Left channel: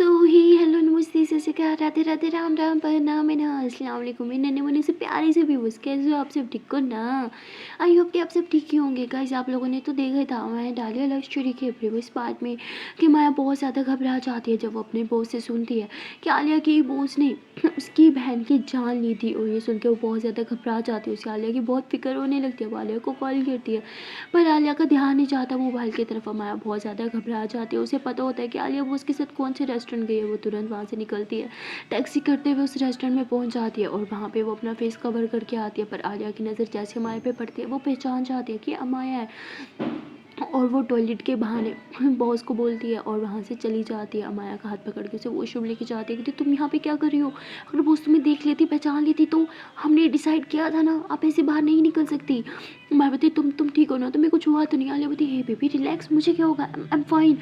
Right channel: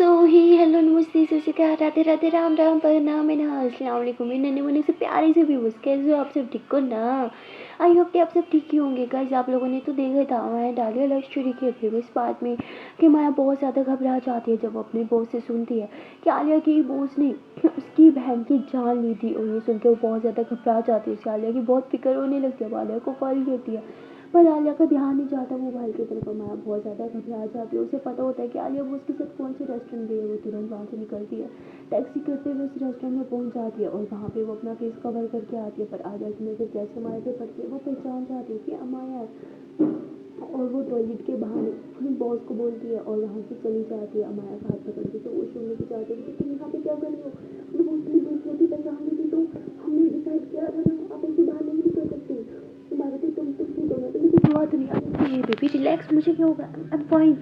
सो ही hello नमस्ते सत श्री अकाल राधे राधे राम राम प्रणाम अस्सलाम वालेकुम मेरे नन्हे मुन्ने से प्यारे से व्यूअर्स, कैसे हो आप सब? ठीक हो ना? आई होप कि आप सब ठीक ही होंगे। गाइस, आप लोगों ने तो देखा ही था मैंने डाली लव स्टोरी के प्रीवियस पार्ट में कि माया बहुत ज़्यादा घबरा जाती है जब वो अपने बॉस से सुनती है कि आलिया की बॉस ने उसकी बहन की जान ली थी। और ये सुन के वो बहुत ज़्यादा घबरा जाती है। उसे आलिया की बहुत फिक्र होने लगती है। वो आलिया को कॉल करती है पर आलिया का ध्यान नहीं जाता मोबाइल की तरफ। माया बहुत ज़्यादा घबरा जाती है। उसे पता होता है कि आलिया वो उसके साथ कौन से रेस्टोरेंट गई है। वो तुरंत वहाँ से निकलती है, टैक्सी करते हुए उस रेस्टोरेंट में पहुँच जाती है और वहाँ पे वो अपना फेस कवर करके आती है। पर आलिया की नज़र जैसे माया पे पड़ती है वो पहचान जाती है कि माया है और वो टॉयलेट के बहाने बॉस को बोलती है और वहाँ से चली जाती है। अमाया का हाथ पकड़ के उसे वॉशरूम लेके जाती है कि तुम यहाँ पे क्या कर रही हो? अगर बॉस तुम्हें देख लेती, पहचान लेती तो हमने डिसाइड किया था ना, आप ऐसे बाहर नहीं निकल सकती। मायावती तुम ठीक हो ना? तुम्हें कुछ हुआ तो नहीं? आलिया बोलती है बेबी रिलैक्स, मुझे क्या होगा, आई एम फाइन।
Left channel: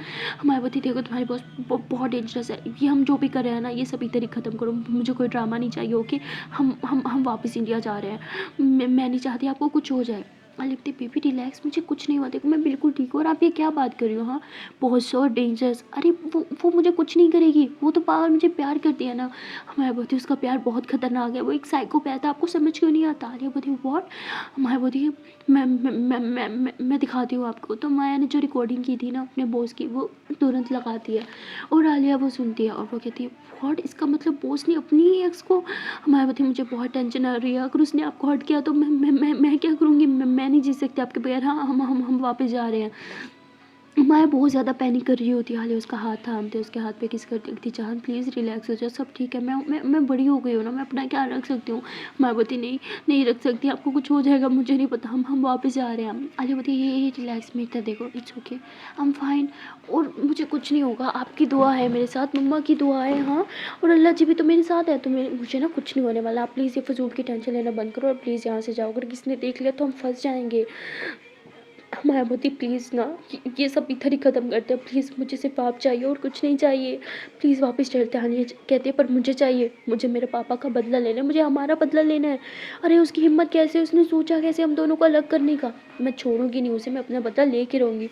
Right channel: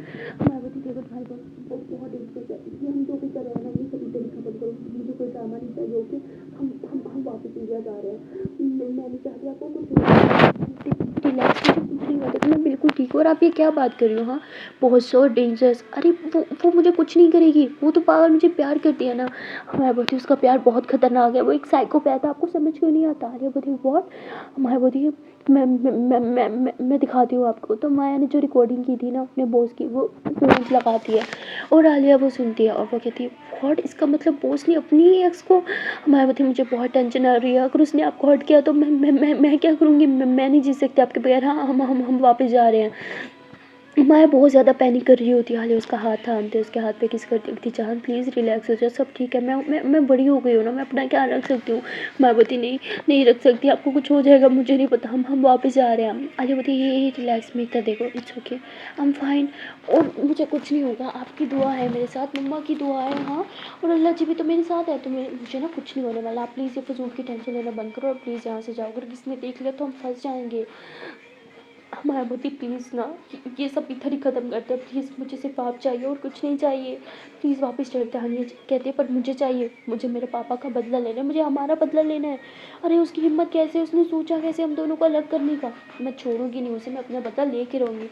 मायावती देखो तुम्हारे बॉस बहुत डेंजरस है, ये हम जो भी कर रहे हैं ना ये सब इधर ही ख़त्म करो, मुझे कोई ड्रामा नहीं चाहिए। ओके, हम वापस इंडिया जा रहे हैं, मैं नहीं चाहती आपको कुछ हो जाए। आलिया बोलती बेबी रिलैक्स, मुझे कुछ नहीं हुआ, देखो मैं बिल्कुल ठीक हूँ। और आप ये क्या बात कर रही हो? हाँ, बहुत सो डेंजरस। अरे वो मुझे कुछ नहीं करेगी, वो तो पागल, मुझे प्यार करती है ना। मैं बोलती उसका प्यार बहुत खतरनाक है, वो एक साइकोपैथ है, आपको समझ क्यों नहीं आता? आलिया बोलती व्हाट? मैं बोलती मैं दिखाती हूँ आपको। तो माया ने जो रिकॉर्डिंग की थी ना अपने बॉस की, वो तुरंत लगाती है और आलिया वो सुनती है और वो कहती है व्हाट, इसका मतलब बॉस ने अपनी ही एक्स को। मैं बोलती मुझे बहुत टेंशन आ रही है, अगर उसने आपको हर्ट किया तो मैं क्या करूँगी? मैं नहीं जी सकती आपके बगैर। हाँ, हम वापस जा रहे हैं। माया बहुत ज़्यादा पैनिक कर रही होती है। हाले उसका हाथ थामते, उसके हाथ पे किस करती थी, जान प्लीज़ रिलैक्स हो जाओ, सब ठीक है, मैं बड़ी हो गई हूँ ना, मैं अपना क्या रख सकती हूँ। माया बोलती नहीं नहीं रख सकती, आपको कुछ हो जाएगा, मुझे नहीं पता, हम वापस जा रहे हैं। आलिया बोलती ये रिलैक्स, में इतना देखो, it's okay, I am fine, और मुझे कुछ नहीं होगा, आपकी दुआ है मेरे साथ, मम्मा की दुआ है, हाँ, और अल्लाह जी भी तो मेरे साथ है, तो मुझे ना कुछ नहीं होने वाला। आप प्लीज़ ये फजूल की टेंशन लेना बंद करो और प्लीज़ यहाँ से जाओ, अगर किसी ने देख लिया तो हम फंस जाएंगे। मायावती प्लीज़ ना, ये सब इधर ही ख़त्म करते हैं, प्लीज़ मुझे सिर्फ आप चाहिए और कुछ नहीं चाहिए, प्लीज़ वापस चलते हैं। कहते हैं पर मुझे चाहिए, मुझे मेरे पापा का बदला लेना है, मुझे हमारा बदला लेना है। अरे उसकी हिम्मत कैसे, उसने सोचा कैसे हम दोनों को अलग करने का? मैं छोड़ूंगी नहीं उसे, मैं अपना बदला लेके रहूँगी।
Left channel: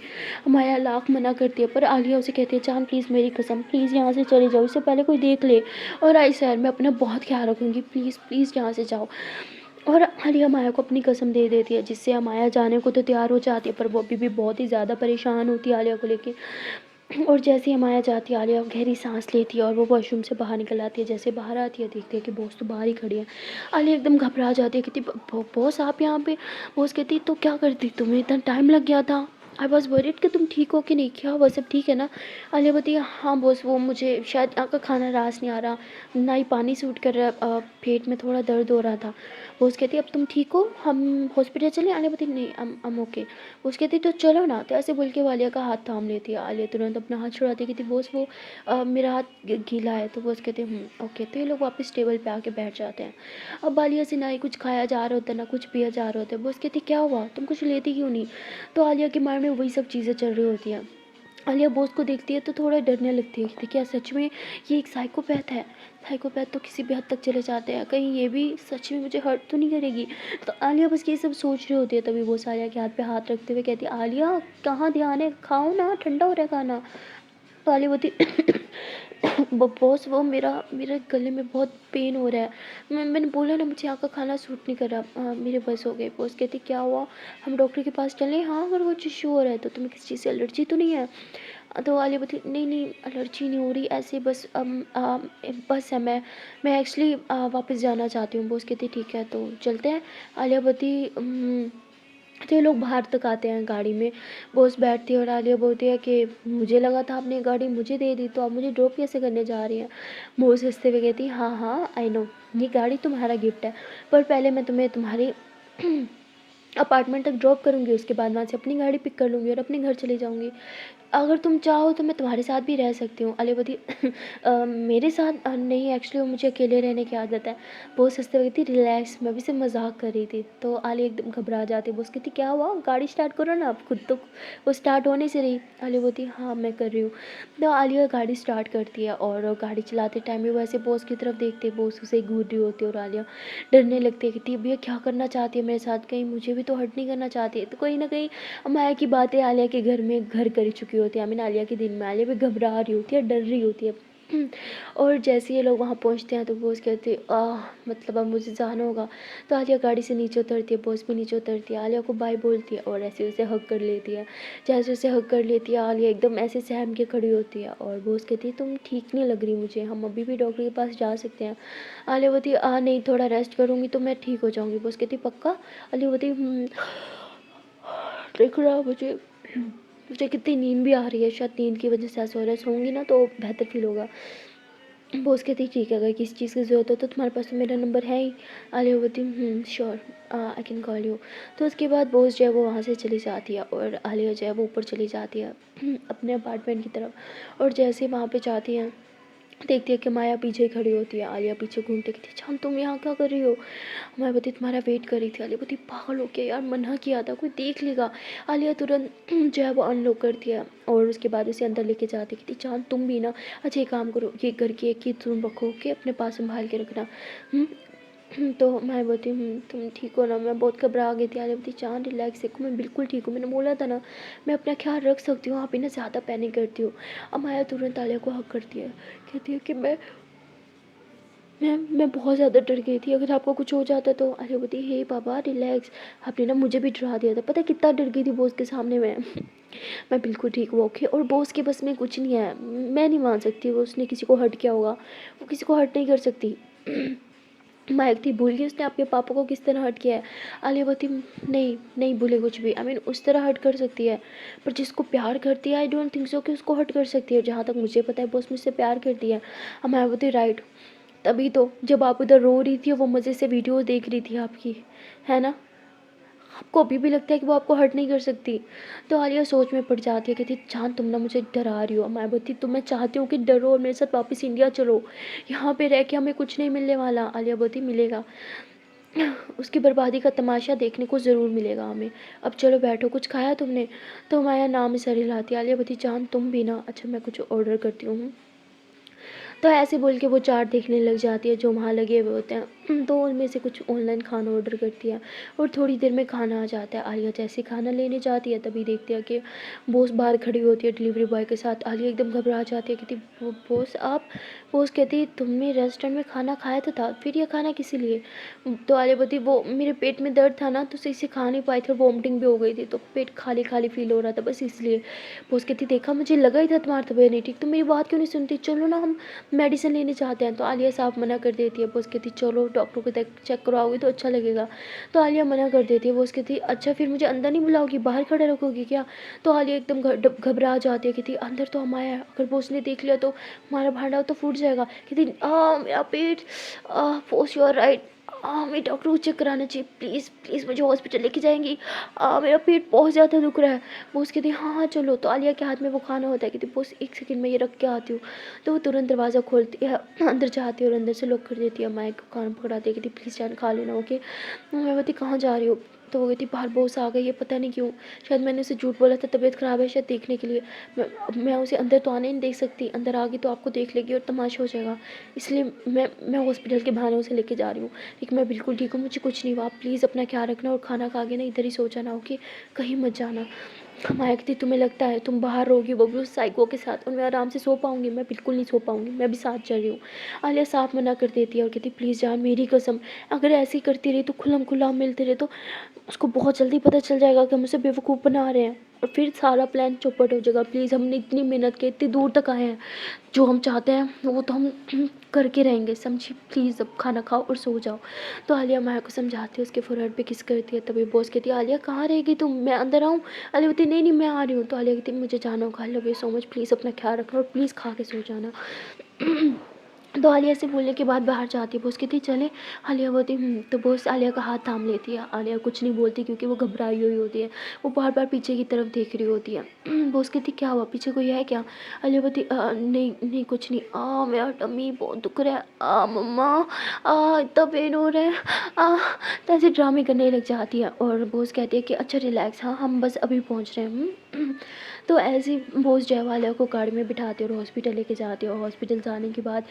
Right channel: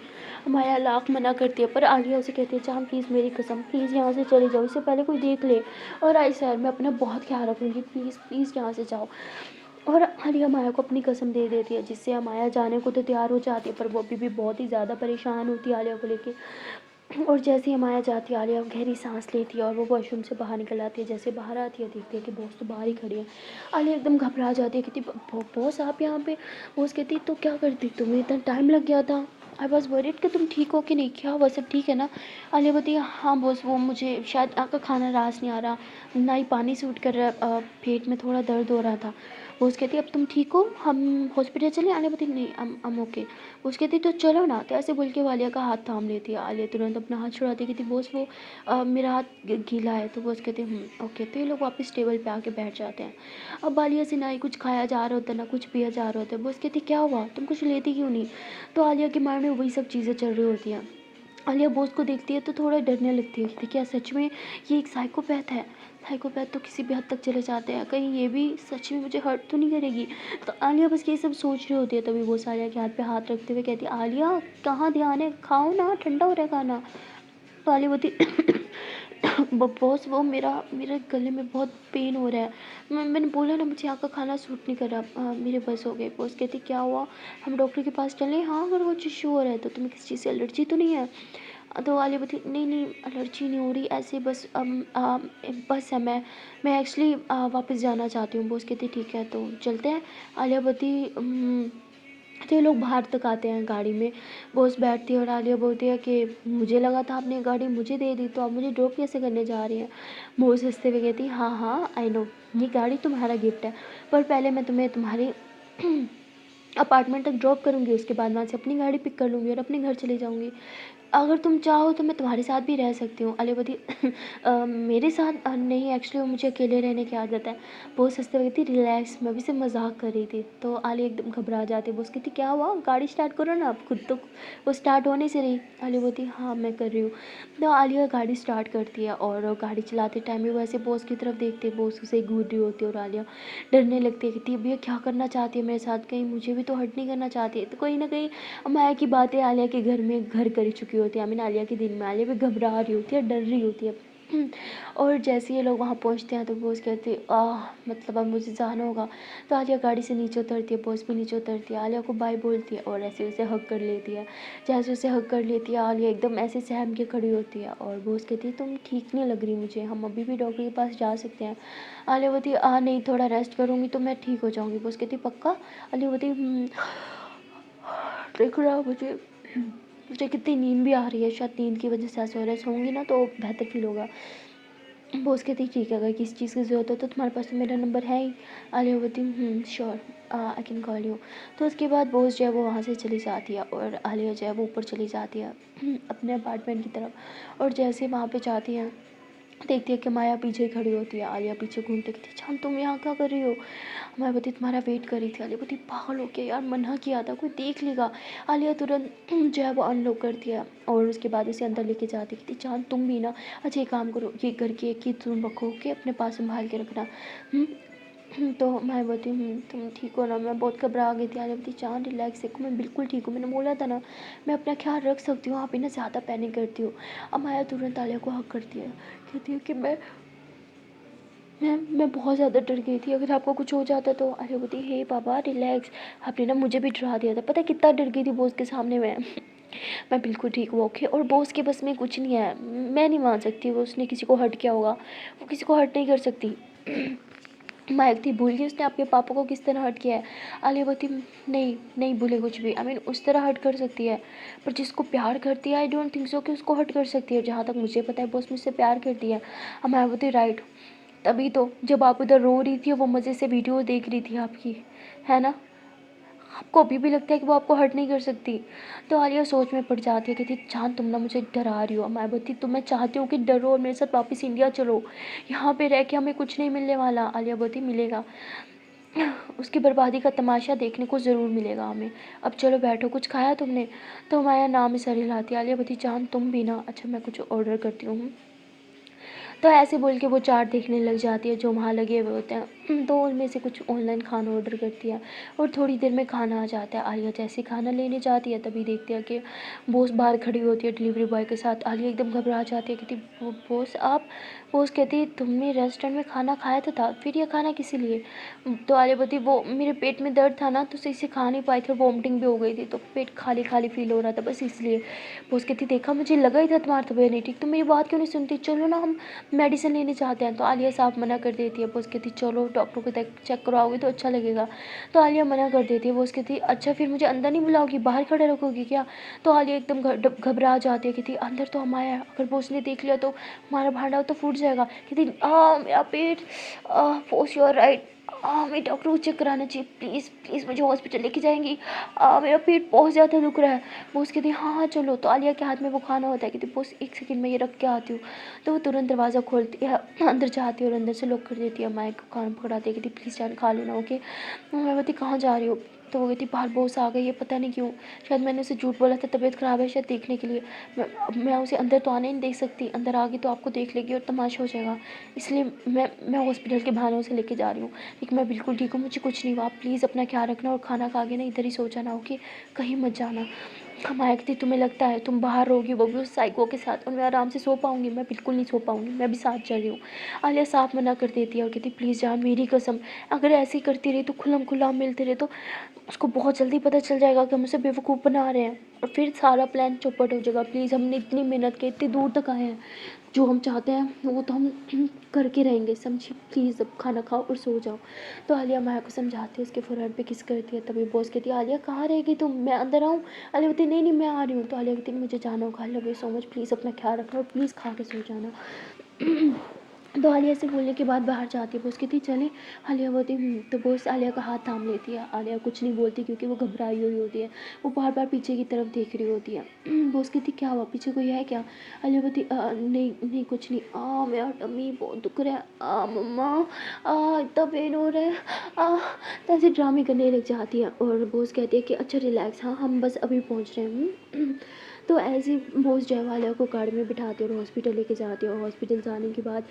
माया लाख मना करती है पर आलिया उसे कहती है जान प्लीज़ मेरी कसम, प्लीज़ यहाँ से चले जाओ, इससे पहले कोई देख ले। और आई सर मैं अपना बहुत ख्याल रखूँगी, प्लीज़ प्लीज़ यहाँ से जाओ। और आलिया माया को अपनी कसम दे देती है, जिससे माया जाने को तो तैयार हो जाती है पर वो अभी भी बहुत ही ज़्यादा परेशान होती है आलिया को लेके। और जैसे ही माया जाती है आलिया गहरी सांस लेती है और वो वॉशरूम से बाहर निकल आती है। जैसे बाहर आती है देखती है कि बॉस तो बाहर ही खड़ी है। आलिया एकदम घबरा जाती है, कहती बॉस आप यहाँ पे? बॉस कहती तो क्या करती, तुम्हें इतना टाइम लग गया था, आई वॉज वरीड कि तुम ठीक हो कि नहीं, क्या वो सब ठीक है ना? आलिया बोलती है हाँ बॉस, वो मुझे शायद यहाँ का खाना रास नहीं आ रहा, ना ही पानी सूट कर रहा, पेट में थोड़ा दर्द हो रहा था। बॉस कहती अब तुम ठीक हो, हम हॉस्पिटल चले? आलिया बोलती नहीं, हम ओके। बॉस कहती तो चलो ना, तो ऐसे बोल के वो आलिया का हाथ थाम लेती है। आलिया तुरंत अपना हाथ छुड़ाती, कहती बॉस वो मेरा हाथ गीला है। तो बॉस कहते ओके। तो ये लोग वापस टेबल पे आके बैठ जाते हैं। अब आलिया से ना ही कुछ खाया जा रहा होता ना कुछ पिया जा रहा होता है। बॉस कहती क्या हुआ, तुम कुछ लेती क्यों नहीं? तो आलिया के माइंड में वही सब चीज़ें चल रही होती हैं। आलिया बॉस को देखती है तो थोड़ा डरने लगती है कि क्या सच में ये एक साइकोपैथ है? साइकोपैथ तो किसी भी हद तक चले जाते हैं, कहीं ये भी सच में मुझे हर्ट तो नहीं करेगी? तो आलिया बस ये सब सोच रही होती है। तभी वो आलिया के हाथ पे हाथ रखते हुए कहती है आलिया कहाँ ध्यान है, खाओ ना, ठंडा हो रहा है खाना। तो आलिया बोलती बॉस वो मेरा मेरे गले में बहुत पेन हो रहा है, मैंने बोला ना मुझे यहाँ का खाना सूट नहीं कर रहा, मेरे बस हो गए। बॉस कहती क्या हुआ, हम डॉक्टर के पास चलें? हाँ, अगर वो चीज़ श्योर है तो तुम्हें किसी चीज़ से एलर्जी तो नहीं है? तो आलिया बोलती नहीं नहीं एलर्जी नहीं हो रही, ऐसे बस बस है, मैं एक्चुअली वापस जाना चाहती हूँ। बॉस कहती ठीक है तो चलते हैं। आलिया बोलती तो ये लोग बाहर तक आते हैं गाड़ी में। बॉस बैठती है और आलिया बोलती है कि मुझे लगा था आपने गाड़ी मुझे दे दी, तो आप मुझे ड्रॉप कैसे करने जा रही हैं? बॉस हंसते हुए कहती हाँ हाँ आई नो, ये गाड़ी तुम्हारा गिफ्ट है, पर पहले मैं तुम्हें तुम्हारी अपार्टमेंट तक ड्रॉप करूँगी, उसके बाद वहाँ से अपनी गाड़ी पिक कर लूँगी और अपने घर चले जाऊँगी। अगर तुम चाहो तो मैं तुम्हारे साथ भी रह सकती हूँ। आलिया बोलती मेरे साथ नहीं, एक्चुअली वो मुझे अकेले रहने की आदत है। बॉस हंसते हुए कहती रिलैक्स, मैं भी सिर्फ मजाक कर रही थी। तो आलिया एकदम घबरा जाती है। बॉस कहती क्या हुआ, गाड़ी स्टार्ट करो ना, आप खुद तो वो स्टार्ट होने से रही। आलिया बोलती हाँ मैं कर रही हूँ। तो आलिया गाड़ी स्टार्ट करती है और गाड़ी चलाते टाइम भी वैसे बॉस की तरफ देखते, बॉस उसे घूर रही होती है और आलिया डरने लगती है। कहती भैया क्या करना चाहती है मेरे साथ, कहीं मुझे भी तो हर्ट नहीं करना चाहती है? तो कहीं ना कहीं माया की बातें आलिया के घर में घर कर चुकी होती है। आलिया के दिन में आलिया भी घबरा रही होती है, डर रही होती है। और जैसे ये लोग वहाँ पहुँचते हैं तो बॉस कहती है मतलब अब मुझे जाना होगा। तो आलिया गाड़ी से नीचे उतरती है, बॉस भी नीचे उतरती है, आलिया को बाय बोलती है और ऐसे उसे हग कर लेती है। जैसे उसे हग कर लेती है आलिया एकदम ऐसे सहम के खड़ी होती है और बॉस कहती है तुम ठीक नहीं लग रही मुझे, हम अभी भी डॉक्टर के पास जा सकते हैं। आलिया बोलती है नहीं, थोड़ा रेस्ट करूँगी तो मैं ठीक हो जाऊँगी। बॉस कहती पक्का? आलिया बोलती देख रहा मुझे मुझे कितनी नींद भी आ रही है, शायद नींद की वजह से ऐसा हो रहा है, सोऊंगी ना तो बेहतर फील होगा। बॉस कहती ठीक है, अगर किसी चीज़ की ज़रूरत हो तो तुम्हारे पास तो मेरा नंबर है ही। आलिया बोलती sure, I can call you. तो उसके बाद बॉस जो है वो वहाँ से चली जाती है और आलिया जो है वो ऊपर चली जाती है अपने अपार्टमेंट की तरफ। और जैसे वहाँ पे जाती है देखती है कि माया पीछे खड़ी होती है। आलिया पीछे घूमते कहती जान तुम यहाँ क्या कर रही हो? माया बोलती तुम्हारा वेट कर रही थी। आलिया बोलती पागल हो क्या यार, मना किया था, कोई देख लेगा। आलिया तुरंत जो है वो अनलॉक करती है और उसके बाद उसे अंदर लेके जाती कहती जान तुम भी ना अच्छा ये काम करो, ये घर की एक ही तुम रखो कि अपने पास संभाल के रखना। तो मैं बोलती तुम ठीक हो ना? मैं बहुत घबरा गई थी। आलिया बोलती जान रिलैक्स देखो मैं बिल्कुल ठीक हूँ, मैंने बोला था ना मैं अपना ख्याल रख सकती हूँ, आप ही ना ज़्यादा पैनिक करती हो। अब माया तुरंत आलिया को हक करती है, कहती है कि मैं बहुत ज़्यादा डर गई थी, अगर आपको कुछ हो जाता तो। आलिया बोलती हे बाबा रिलैक्स, आपने ना मुझे भी डरा दिया था, पता है कितना डर गई थी बॉस के सामने मैं मैं बिल्कुल ठीक हूँ ओके। और बॉस के बस में कुछ नहीं है, मैं नहीं मान सकती वो उसने किसी को हर्ट किया होगा, वो किसी को हर्ट नहीं कर सकती माइक थी भूल गई उसने आपके पापा को किस तरह हर्ट किया है। आलिया बोलती नहीं नहीं भूले कुछ भी, आई मीन उस तरह हर्ट कर सकती है पर जिसको प्यार करती है आई डोंट थिंक सो कि उसको हर्ट कर सकती है। जहाँ तक मुझे पता है बॉस मुझसे प्यार करती है। अब मैं बोलती राइट, तभी तो जब आप उधर रो रही थी वो मज़े से वीडियो देख रही थी आपकी, है ना? आपको अभी भी लगता है कि वो आपको हर्ट नहीं कर सकती। तो आलिया सोच में पड़ जाती है, कहती जान तुम ना मुझे डरा रही हो। मैं बोलती तो मैं चाहती हूँ कि डरो और मेरे साथ वापस इंडिया चलो, यहाँ पे रह के हमें कुछ नहीं मिलने वाला। आलिया बोलती मिलेगा, उसकी बर्बादी का तमाशा देखने को ज़रूर मिलेगा हमें। अब चलो बैठो, कुछ खाया तुमने? तो माया नाम सर हिलाती। आलिया बोलती जान तुम भी ना, अच्छा मैं कुछ ऑर्डर करती हूँ। तो ऐसे बोल के वो चार्ट देखने लग जाती है जो वहाँ लगे हुए होते हैं। तो उनमें से कुछ ऑनलाइन खाना ऑर्डर करती है और थोड़ी देर में खाना आ जाता है। आलिया जैसे खाना लेने जाती है तभी देखती है कि बॉस बाहर खड़ी होती है डिलीवरी बॉय के साथ। आलिया एकदम घबरा जाती है, कहती बॉस आप? बॉस कहती तुमने रेस्टोरेंट में खाना खाया तो था, फिर यह खाना किसी लिए? तो आलिया बोलती वो मेरे पेट में दर्द था ना तो सही से खा नहीं पाई थी, वॉमिटिंग भी हो गई थी तो पेट खाली खाली फील हो रहा था बस इसलिए। बॉस कहती देखा मुझे लगा ही था तुम्हारी तबीयत नहीं ठीक, तुम मेरी बात क्यों नहीं सुनती, चलो ना हम मेडिसिन लेने जाते हैं। तो आलिया साफ मना कर देती है। बॉस कहती चलो डॉक्टर को चेक करवाओगे तो अच्छा लगेगा। तो आलिया मना कर देती है। बॉस कहती अच्छा फिर मुझे अंदर नहीं बुलाओगी, बाहर खड़ा रखोगी क्या? तो आलिया एकदम घबरा जाती है, कहती अंदर तो हम आया, अगर बॉस ने देख लिया तो हमारा भांडा तो फूट जाएगा। कहती मेरा पेट, बॉस यू आर राइट, मैं डॉक्टर को चेक कराना चाहिए, प्लीज़ प्लीज़ मुझे हॉस्पिटल लेके जाएंगी, मेरा पेट बहुत ज़्यादा दुख रहा है। बॉस कहती हाँ हाँ चलो। तो आलिया के हाथ में वो खाना होता है, कहती बॉस एक सेकंड में ये रख के आती हूँ। तो वो तुरंत दरवाज़ा खोलती है, अंदर जाती है और अंदर से लॉक कर देती है। माइक को कान पकड़ाती है, कहती प्लीज़ जान खा लेना ओके। मैं बोलती कहाँ जा रही हो? तो वो कहती बाहर बॉस आ गई है, पता नहीं क्यों, शायद मैंने उसे झूठ बोला था तबीयत ख़राब है शायद देखने के लिए। मैं उसे अंदर तो आने नहीं देख सकती, अंदर आ गई तो आपको देख लेगी और तमाशा हो जाएगा, इसलिए मैं हॉस्पिटल के बहाने उसे लेके जा रही हूँ। लेकिन मैं बिल्कुल ठीक हूँ, मुझे कुछ नहीं हुआ, आप प्लीज़ अपना ख्याल रखना और खाना खा के ना इधर ही सो जाना ओके, कहीं मत जाना। माया कहती तुम्हें लगता है तुम बाहर रहोगी वो भी उस साइको के साथ और मैं आराम से सो पाऊंगी? मैं बिल्कुल नहीं सो पाऊंगी, मैं भी साथ चल रही हूँ। आलिया साफ मना कर देती है और कहती प्लीज़ जान मेरी कसम, अगर ऐसे ही करती रही तो खुल्लम खुल्ला मिलते रहे तो उसको बहुत जल्दी पता चल जाएगा कि हम उसे बेवकूफ़ बना रहे हैं और फिर सारा प्लान चौपट हो जाएगा। प्लीज़ हमने इतनी मेहनत की, इतनी दूर तक आए हैं, जो हम चाहते हैं वो तो हम करके रहेंगे, समझी? प्लीज़ अब खाना खाओ और सो जाओ। तो आलिया माया को समझाती है, उसके फोरहेड पे किस करती है। तभी बॉस कहती है आलिया कहाँ रहेगी तुम, मैं अंदर आऊँ? आलिया कहती नहीं नहीं मैं आ रही हूँ। तो आलिया कहती मुझे जाना होगा, I love you so much, please अपना ख्याल रखना और प्लीज़ खा के सो जाना। तो आलिया से बोलने के बाद बाहर जाती है। बॉस कहती चले? आलिया बोलती तो बॉस आलिया का हाथ थाम लेती है। आलिया कुछ नहीं बोलती क्योंकि वो घबराई हुई होती है, वो बार बार पीछे की तरफ देख रही होती है। बॉस कहती क्या हुआ, पीछे कोई है क्या? आलिया बोलती नहीं नहीं कुछ नहीं, मेरा टमी बहुत दुख रहा है, मम्मा इतना पेन हो रहा है, तो ऐसे ड्रामे करने लग जाती है। और बॉस कहती है कि अच्छा रिलैक्स, हाँ हम बस अभी पहुँच रहे हैं। तो ऐसे ही बोस जो है वो आलिया को गाड़ी में बिठाते और हॉस्पिटल लेके जाते, और हॉस्पिटल जाने के बाद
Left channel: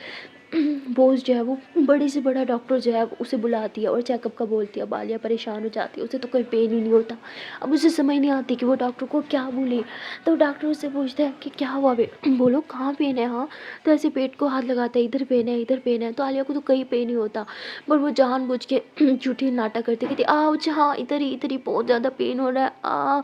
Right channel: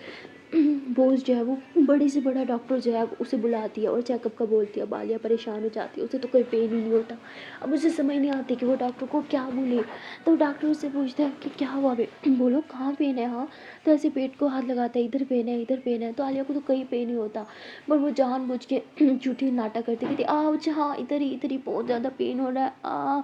बोस जो है वो बड़े से बड़ा डॉक्टर जो है वो उसे बुलाती है और चेकअप का बोलती है। अब आलिया परेशान हो जाती है, उसे तो कोई पेन ही नहीं होता। अब उसे समझ नहीं आती कि वो डॉक्टर को क्या बोले। तो डॉक्टर उससे पूछता है कि क्या हुआ बे, बोलो कहाँ पेन है। हाँ, तो ऐसे पेट को हाथ लगाता है, इधर पेन है, इधर पेन है। तो आलिया को तो कहीं पेन नहीं होता, पर वो जानबूझ के झूठी नाटक करती, कहती आउच, हाँ इधर ही बहुत ज़्यादा पेन हो रहा है आ।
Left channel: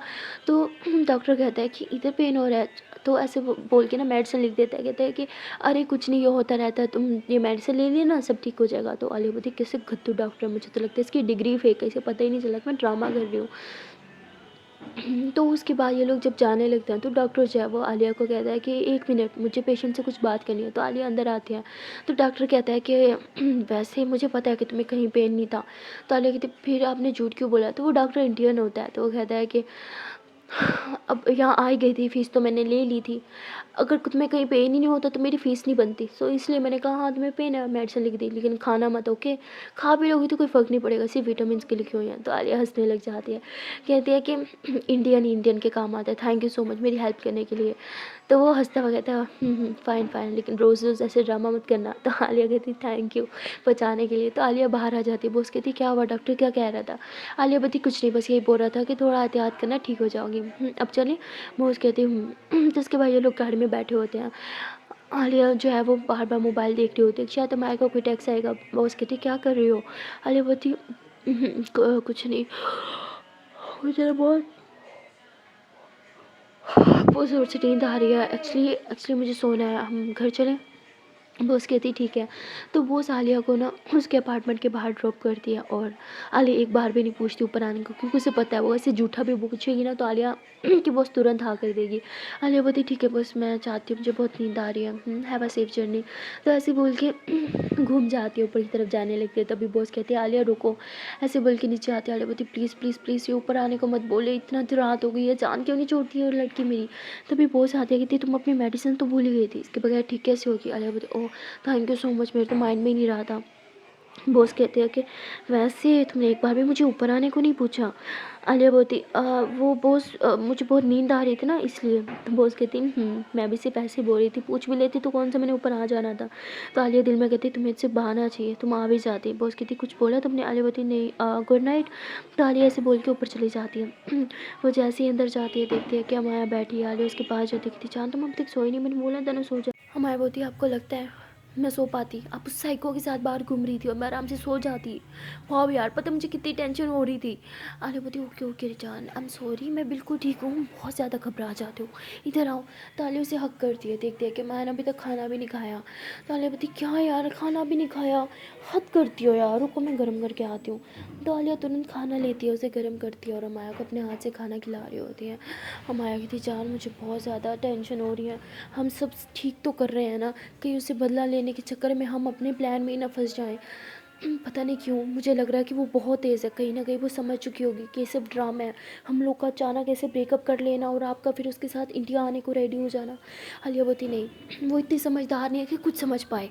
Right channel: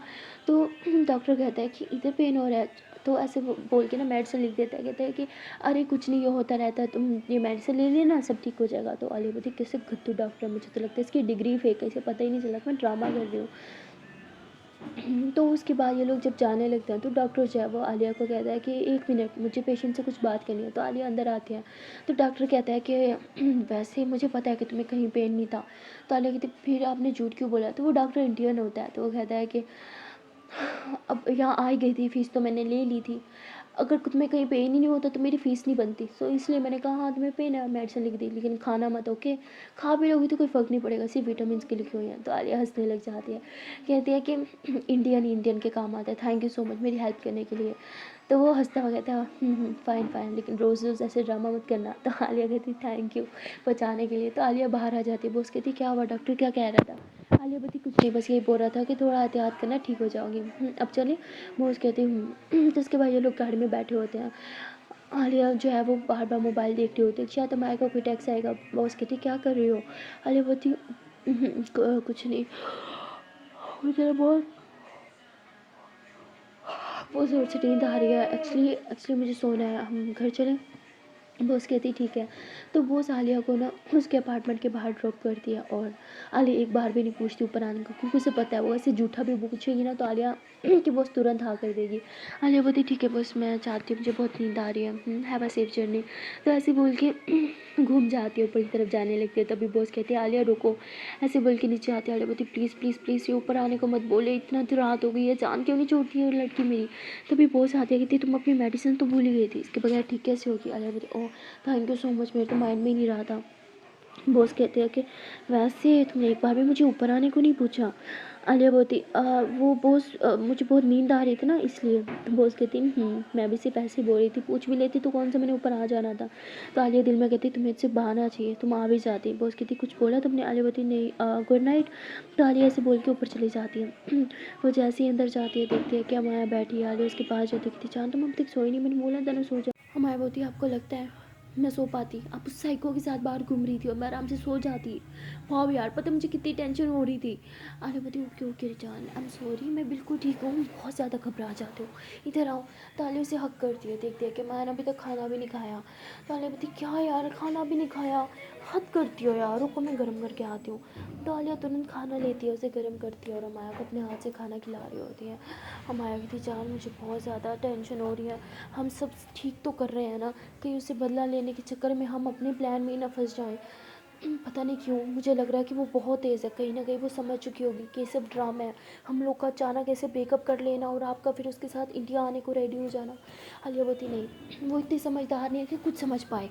तो डॉक्टर कहता है कि इधर पेन हो रहा है, तो ऐसे बोल के ना मेडिसिन लिख देता है। कहता है कि अरे कुछ नहीं, ये होता रहता है, तुम ये मेडिसिन ले लेना, सब ठीक हो जाएगा। तो आलिया बोलती कैसे गद्दू डॉक्टर, मुझे तो लगता है इसकी डिग्री फेक है, इसे पता ही नहीं चला कि मैं ड्रामा कर रही हूँ। तो उसके बाद ये लोग जब जाने लगते हैं तो डॉक्टर जो है वो आलिया को कहता है कि 1 मिनट, मुझे पेशेंट से कुछ बात करनी है। तो आलिया अंदर आती है, तो डॉक्टर कहता है कि वैसे मुझे पता है कि तुम्हें कहीं पेन नहीं था। तो आलिया कहती फिर आपने झूठ क्यों बोला। तो वो डॉक्टर इंडियन होता है, तो वो कहता है कि अब यहाँ आ ही गई थी, फीस तो मैंने ले ली थी, अगर तुम्हें कहीं पेन ही नहीं होता तो मेरी फ़ीस नहीं बनती, सो इसलिए मैंने कहा हाँ तुम्हें पेन है, मेडिसिन लिख दी, लेकिन खाना मत, ओके। खा भी लोगी तो कोई फ़र्क नहीं पड़ेगा, सिर्फ विटामिन के लिखे हुए हैं। तो आलिया हंसने लग जाती है, कहती है कि इंडियन इंडियन के काम आता है, थैंक यू सो मच मेरी हेल्प करने के लिए। तो वो हंसता हुआ कहता है फ़ाइन फ़ाइन, लेकिन रोज़ रोज़ ऐसे ड्रामा मत करना। तो आलिया कहती थैंक यू बचाने के लिए। तो आलिया बाहर आ जाती है, बॉस कहती क्या हुआ, डॉक्टर क्या कह रहा था। आलिया बताती कुछ नहीं, बस यही बोल रहा था कि थोड़ा एहतियात करना, ठीक हो जाओगी। अब चलें। बॉस कहती हूँ। तो उसके बाद ये लोग गाड़ी में बैठे होते हैं। आलिया जो है वो बार बार मोबाइल देख रही होती है, शायद हमारे को कोई टैक्स आएगा। बॉस कहती क्या कर रही हो। आलिया बोलती कुछ नहीं, मुझे बहुत ज़ोर से नींद आ रही है, एक्चुअली मुझे सोना है, हम घर चलें। बॉस कहती ठीक है। तो बॉस आलिया को ना उसके अपार्टमेंट के बाहर ड्रॉप करती है, और आलिया एक बार भी नहीं पूछती ऊपर आने को, क्योंकि उसे पता है वो ऐसे झूठा भी पूछेगी ना तो आलिया कि बॉस तुरंत हाँ कर देगी। आलिया बोलती ठीक है बॉस, मैं चाहती हूँ, मुझे बहुत नींद आ रही है, हैव अ सेफ जर्नी। तो ऐसे बोल के घूम जाती है, ऊपर की तरफ जाने लगती है। तभी बॉस कहती है आलिया रुको, ऐसे बोल के नीचे आती है। आलिया बोलती प्लीज़ प्लीज़ प्लीज़ ये ऊपर आने को मत बोले, इतना तो रात हो गई है, जान क्यों नहीं छोड़ती है लड़की मेरी। तभी बॉस आती है, कहती तुम अपनी मेडिसिन तो भूल ही गई थी, इसके बगैर ठीक कैसे होगी। आलिया बोलती oh thank you so much, मेरे तो माइंड में ही नहीं रहा था। बॉस कहते हैं कि वैसे तुमने एक बार भी मुझे ऊपर आने को नहीं पूछा। आलिया बोलती वो बॉस मुझे बहुत नींद आ रही थी ना इसलिए। बॉस कहती मैं भी सिर्फ ऐसे ही बोल रही थी, पूछ भी लेती तो कौन सा मैंने ऊपर आ जाना था। तो आलिया दिल में कहती तुम्हें इससे बहाना चाहिए, तुम आ भी जाती। बॉस कहती कुछ बोला तुमने। आलिया बोलती नहीं गुड नाइट। तो आलिया ऐसे बोल के ऊपर चली जाती है। वो जैसे ही अंदर जाती है देखती है कि हमारा बैठी है। आलिया उसके पास जाती कहती जान तुम अब तक सोई नहीं, मैंने बोला था ना सो जा। हमारी बोलती आपको लगता है मैं सो पाती, आप उस साइको के साथ बाहर घूम रही थी और मैं आराम से सो जाती। वाह यार, पता मुझे कितनी टेंशन हो रही थी। आने बोलती okay okay Rizan I am sorry, मैं बिल्कुल ठीक हूँ, बहुत ज़्यादा घबरा जाती हूँ, इधर आओ। तो आलिया उसे हक करती है, देखती है कि मैंने अभी तक खाना भी नहीं खाया। तो आलिया बोलती क्या यार खाना भी नहीं खाया, हद करती हो यार, रुको मैं गर्म करके आती हूँ। तो आलिया तुरंत खाना लेती है, उसे गर्म करती है और अमाया को अपने हाथ से खाना खिला रही होती है। अमाया कहती जान मुझे बहुत ज़्यादा टेंशन हो रही है, हम सब ठीक तो कर रहे हैं ना, कहीं उसे बदला लेने के चक्कर में हम अपने प्लान में ही ना फंस जाएं। पता नहीं क्यों मुझे लग रहा है कि वो बहुत तेज़ है, कहीं ना कहीं वो समझ चुकी होगी कि ये सब ड्रामा है, हम लोग का अचानक ऐसे ब्रेकअप कर लेना और आपका फिर उसके साथ इंडिया आने को रेडी हो जाना। आलिया बोलती नहीं, वो इतनी समझदार नहीं है कि कुछ समझ पाए।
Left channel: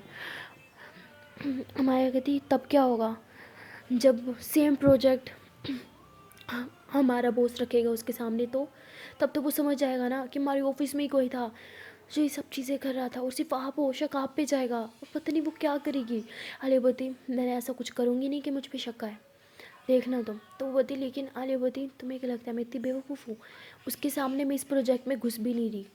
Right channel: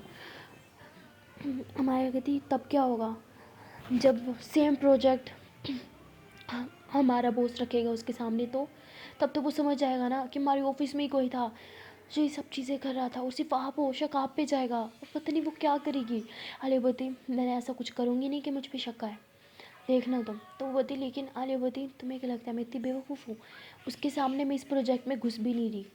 अमाया कहती तब क्या होगा, जब सेम प्रोजेक्ट हमारा बॉस रखेगा उसके सामने, तो तब तो वो समझ जाएगा ना कि हमारे ऑफिस में ही कोई था जो ये सब चीज़ें कर रहा था, और सिर्फ आप हो, शक आप पे जाएगा और पता नहीं वो क्या करेगी। आलिया बोलती मैंने ऐसा कुछ करूँगी नहीं कि मुझ पे शक आए, देखना तुम। तो वो बोलती लेकिन आलिया बोलती तुम्हें क्या लगता है मैं इतनी बेवकूफ़ हूँ, उसके सामने मैं इस प्रोजेक्ट में घुस भी नहीं रही,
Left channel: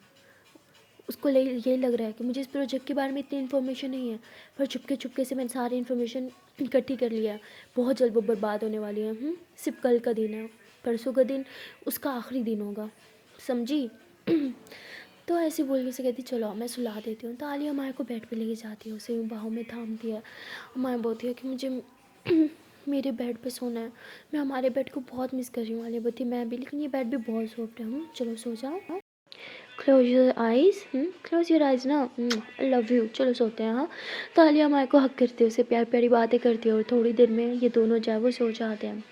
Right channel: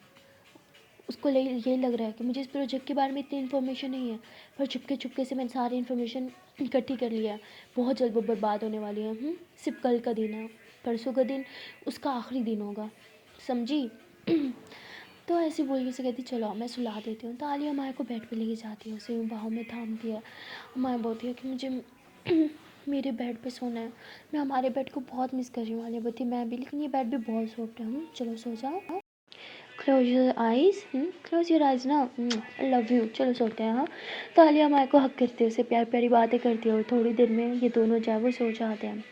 उसको यही लग रहा है कि मुझे इस प्रोजेक्ट के बारे में इतनी इन्फॉर्मेशन नहीं है, पर चुपके चुपके से मैंने सारी इन्फॉर्मेशन इकट्ठी कर लिया है, बहुत जल्द वो बर्बाद होने वाली है। सिर्फ कल का दिन है, परसों का दिन उसका आखिरी दिन होगा, समझी। तो ऐसे बोलने से कहती चलो मैं सुला देती हूँ। तो आलिया माया को बेड पे लेके जाती है, उसे बाहों में थामती है। माया बोलती है कि मुझे मेरे बेड पे सोना है, मैं हमारे बेड को बहुत मिस कर रही हूँ। आलिया बोलती मैं भी, लेकिन ये बेड भी बहुत सॉफ्ट है, चलो सो जाओ। Close your eyes, close your eyes ना, आई लव यू, चलो सोते हैं। हाँ, तो आलिया माया को हक करती है, उसे प्यार प्यारी बातें करती है और थोड़ी देर में ये दोनों जो है वो सो जाते हैं।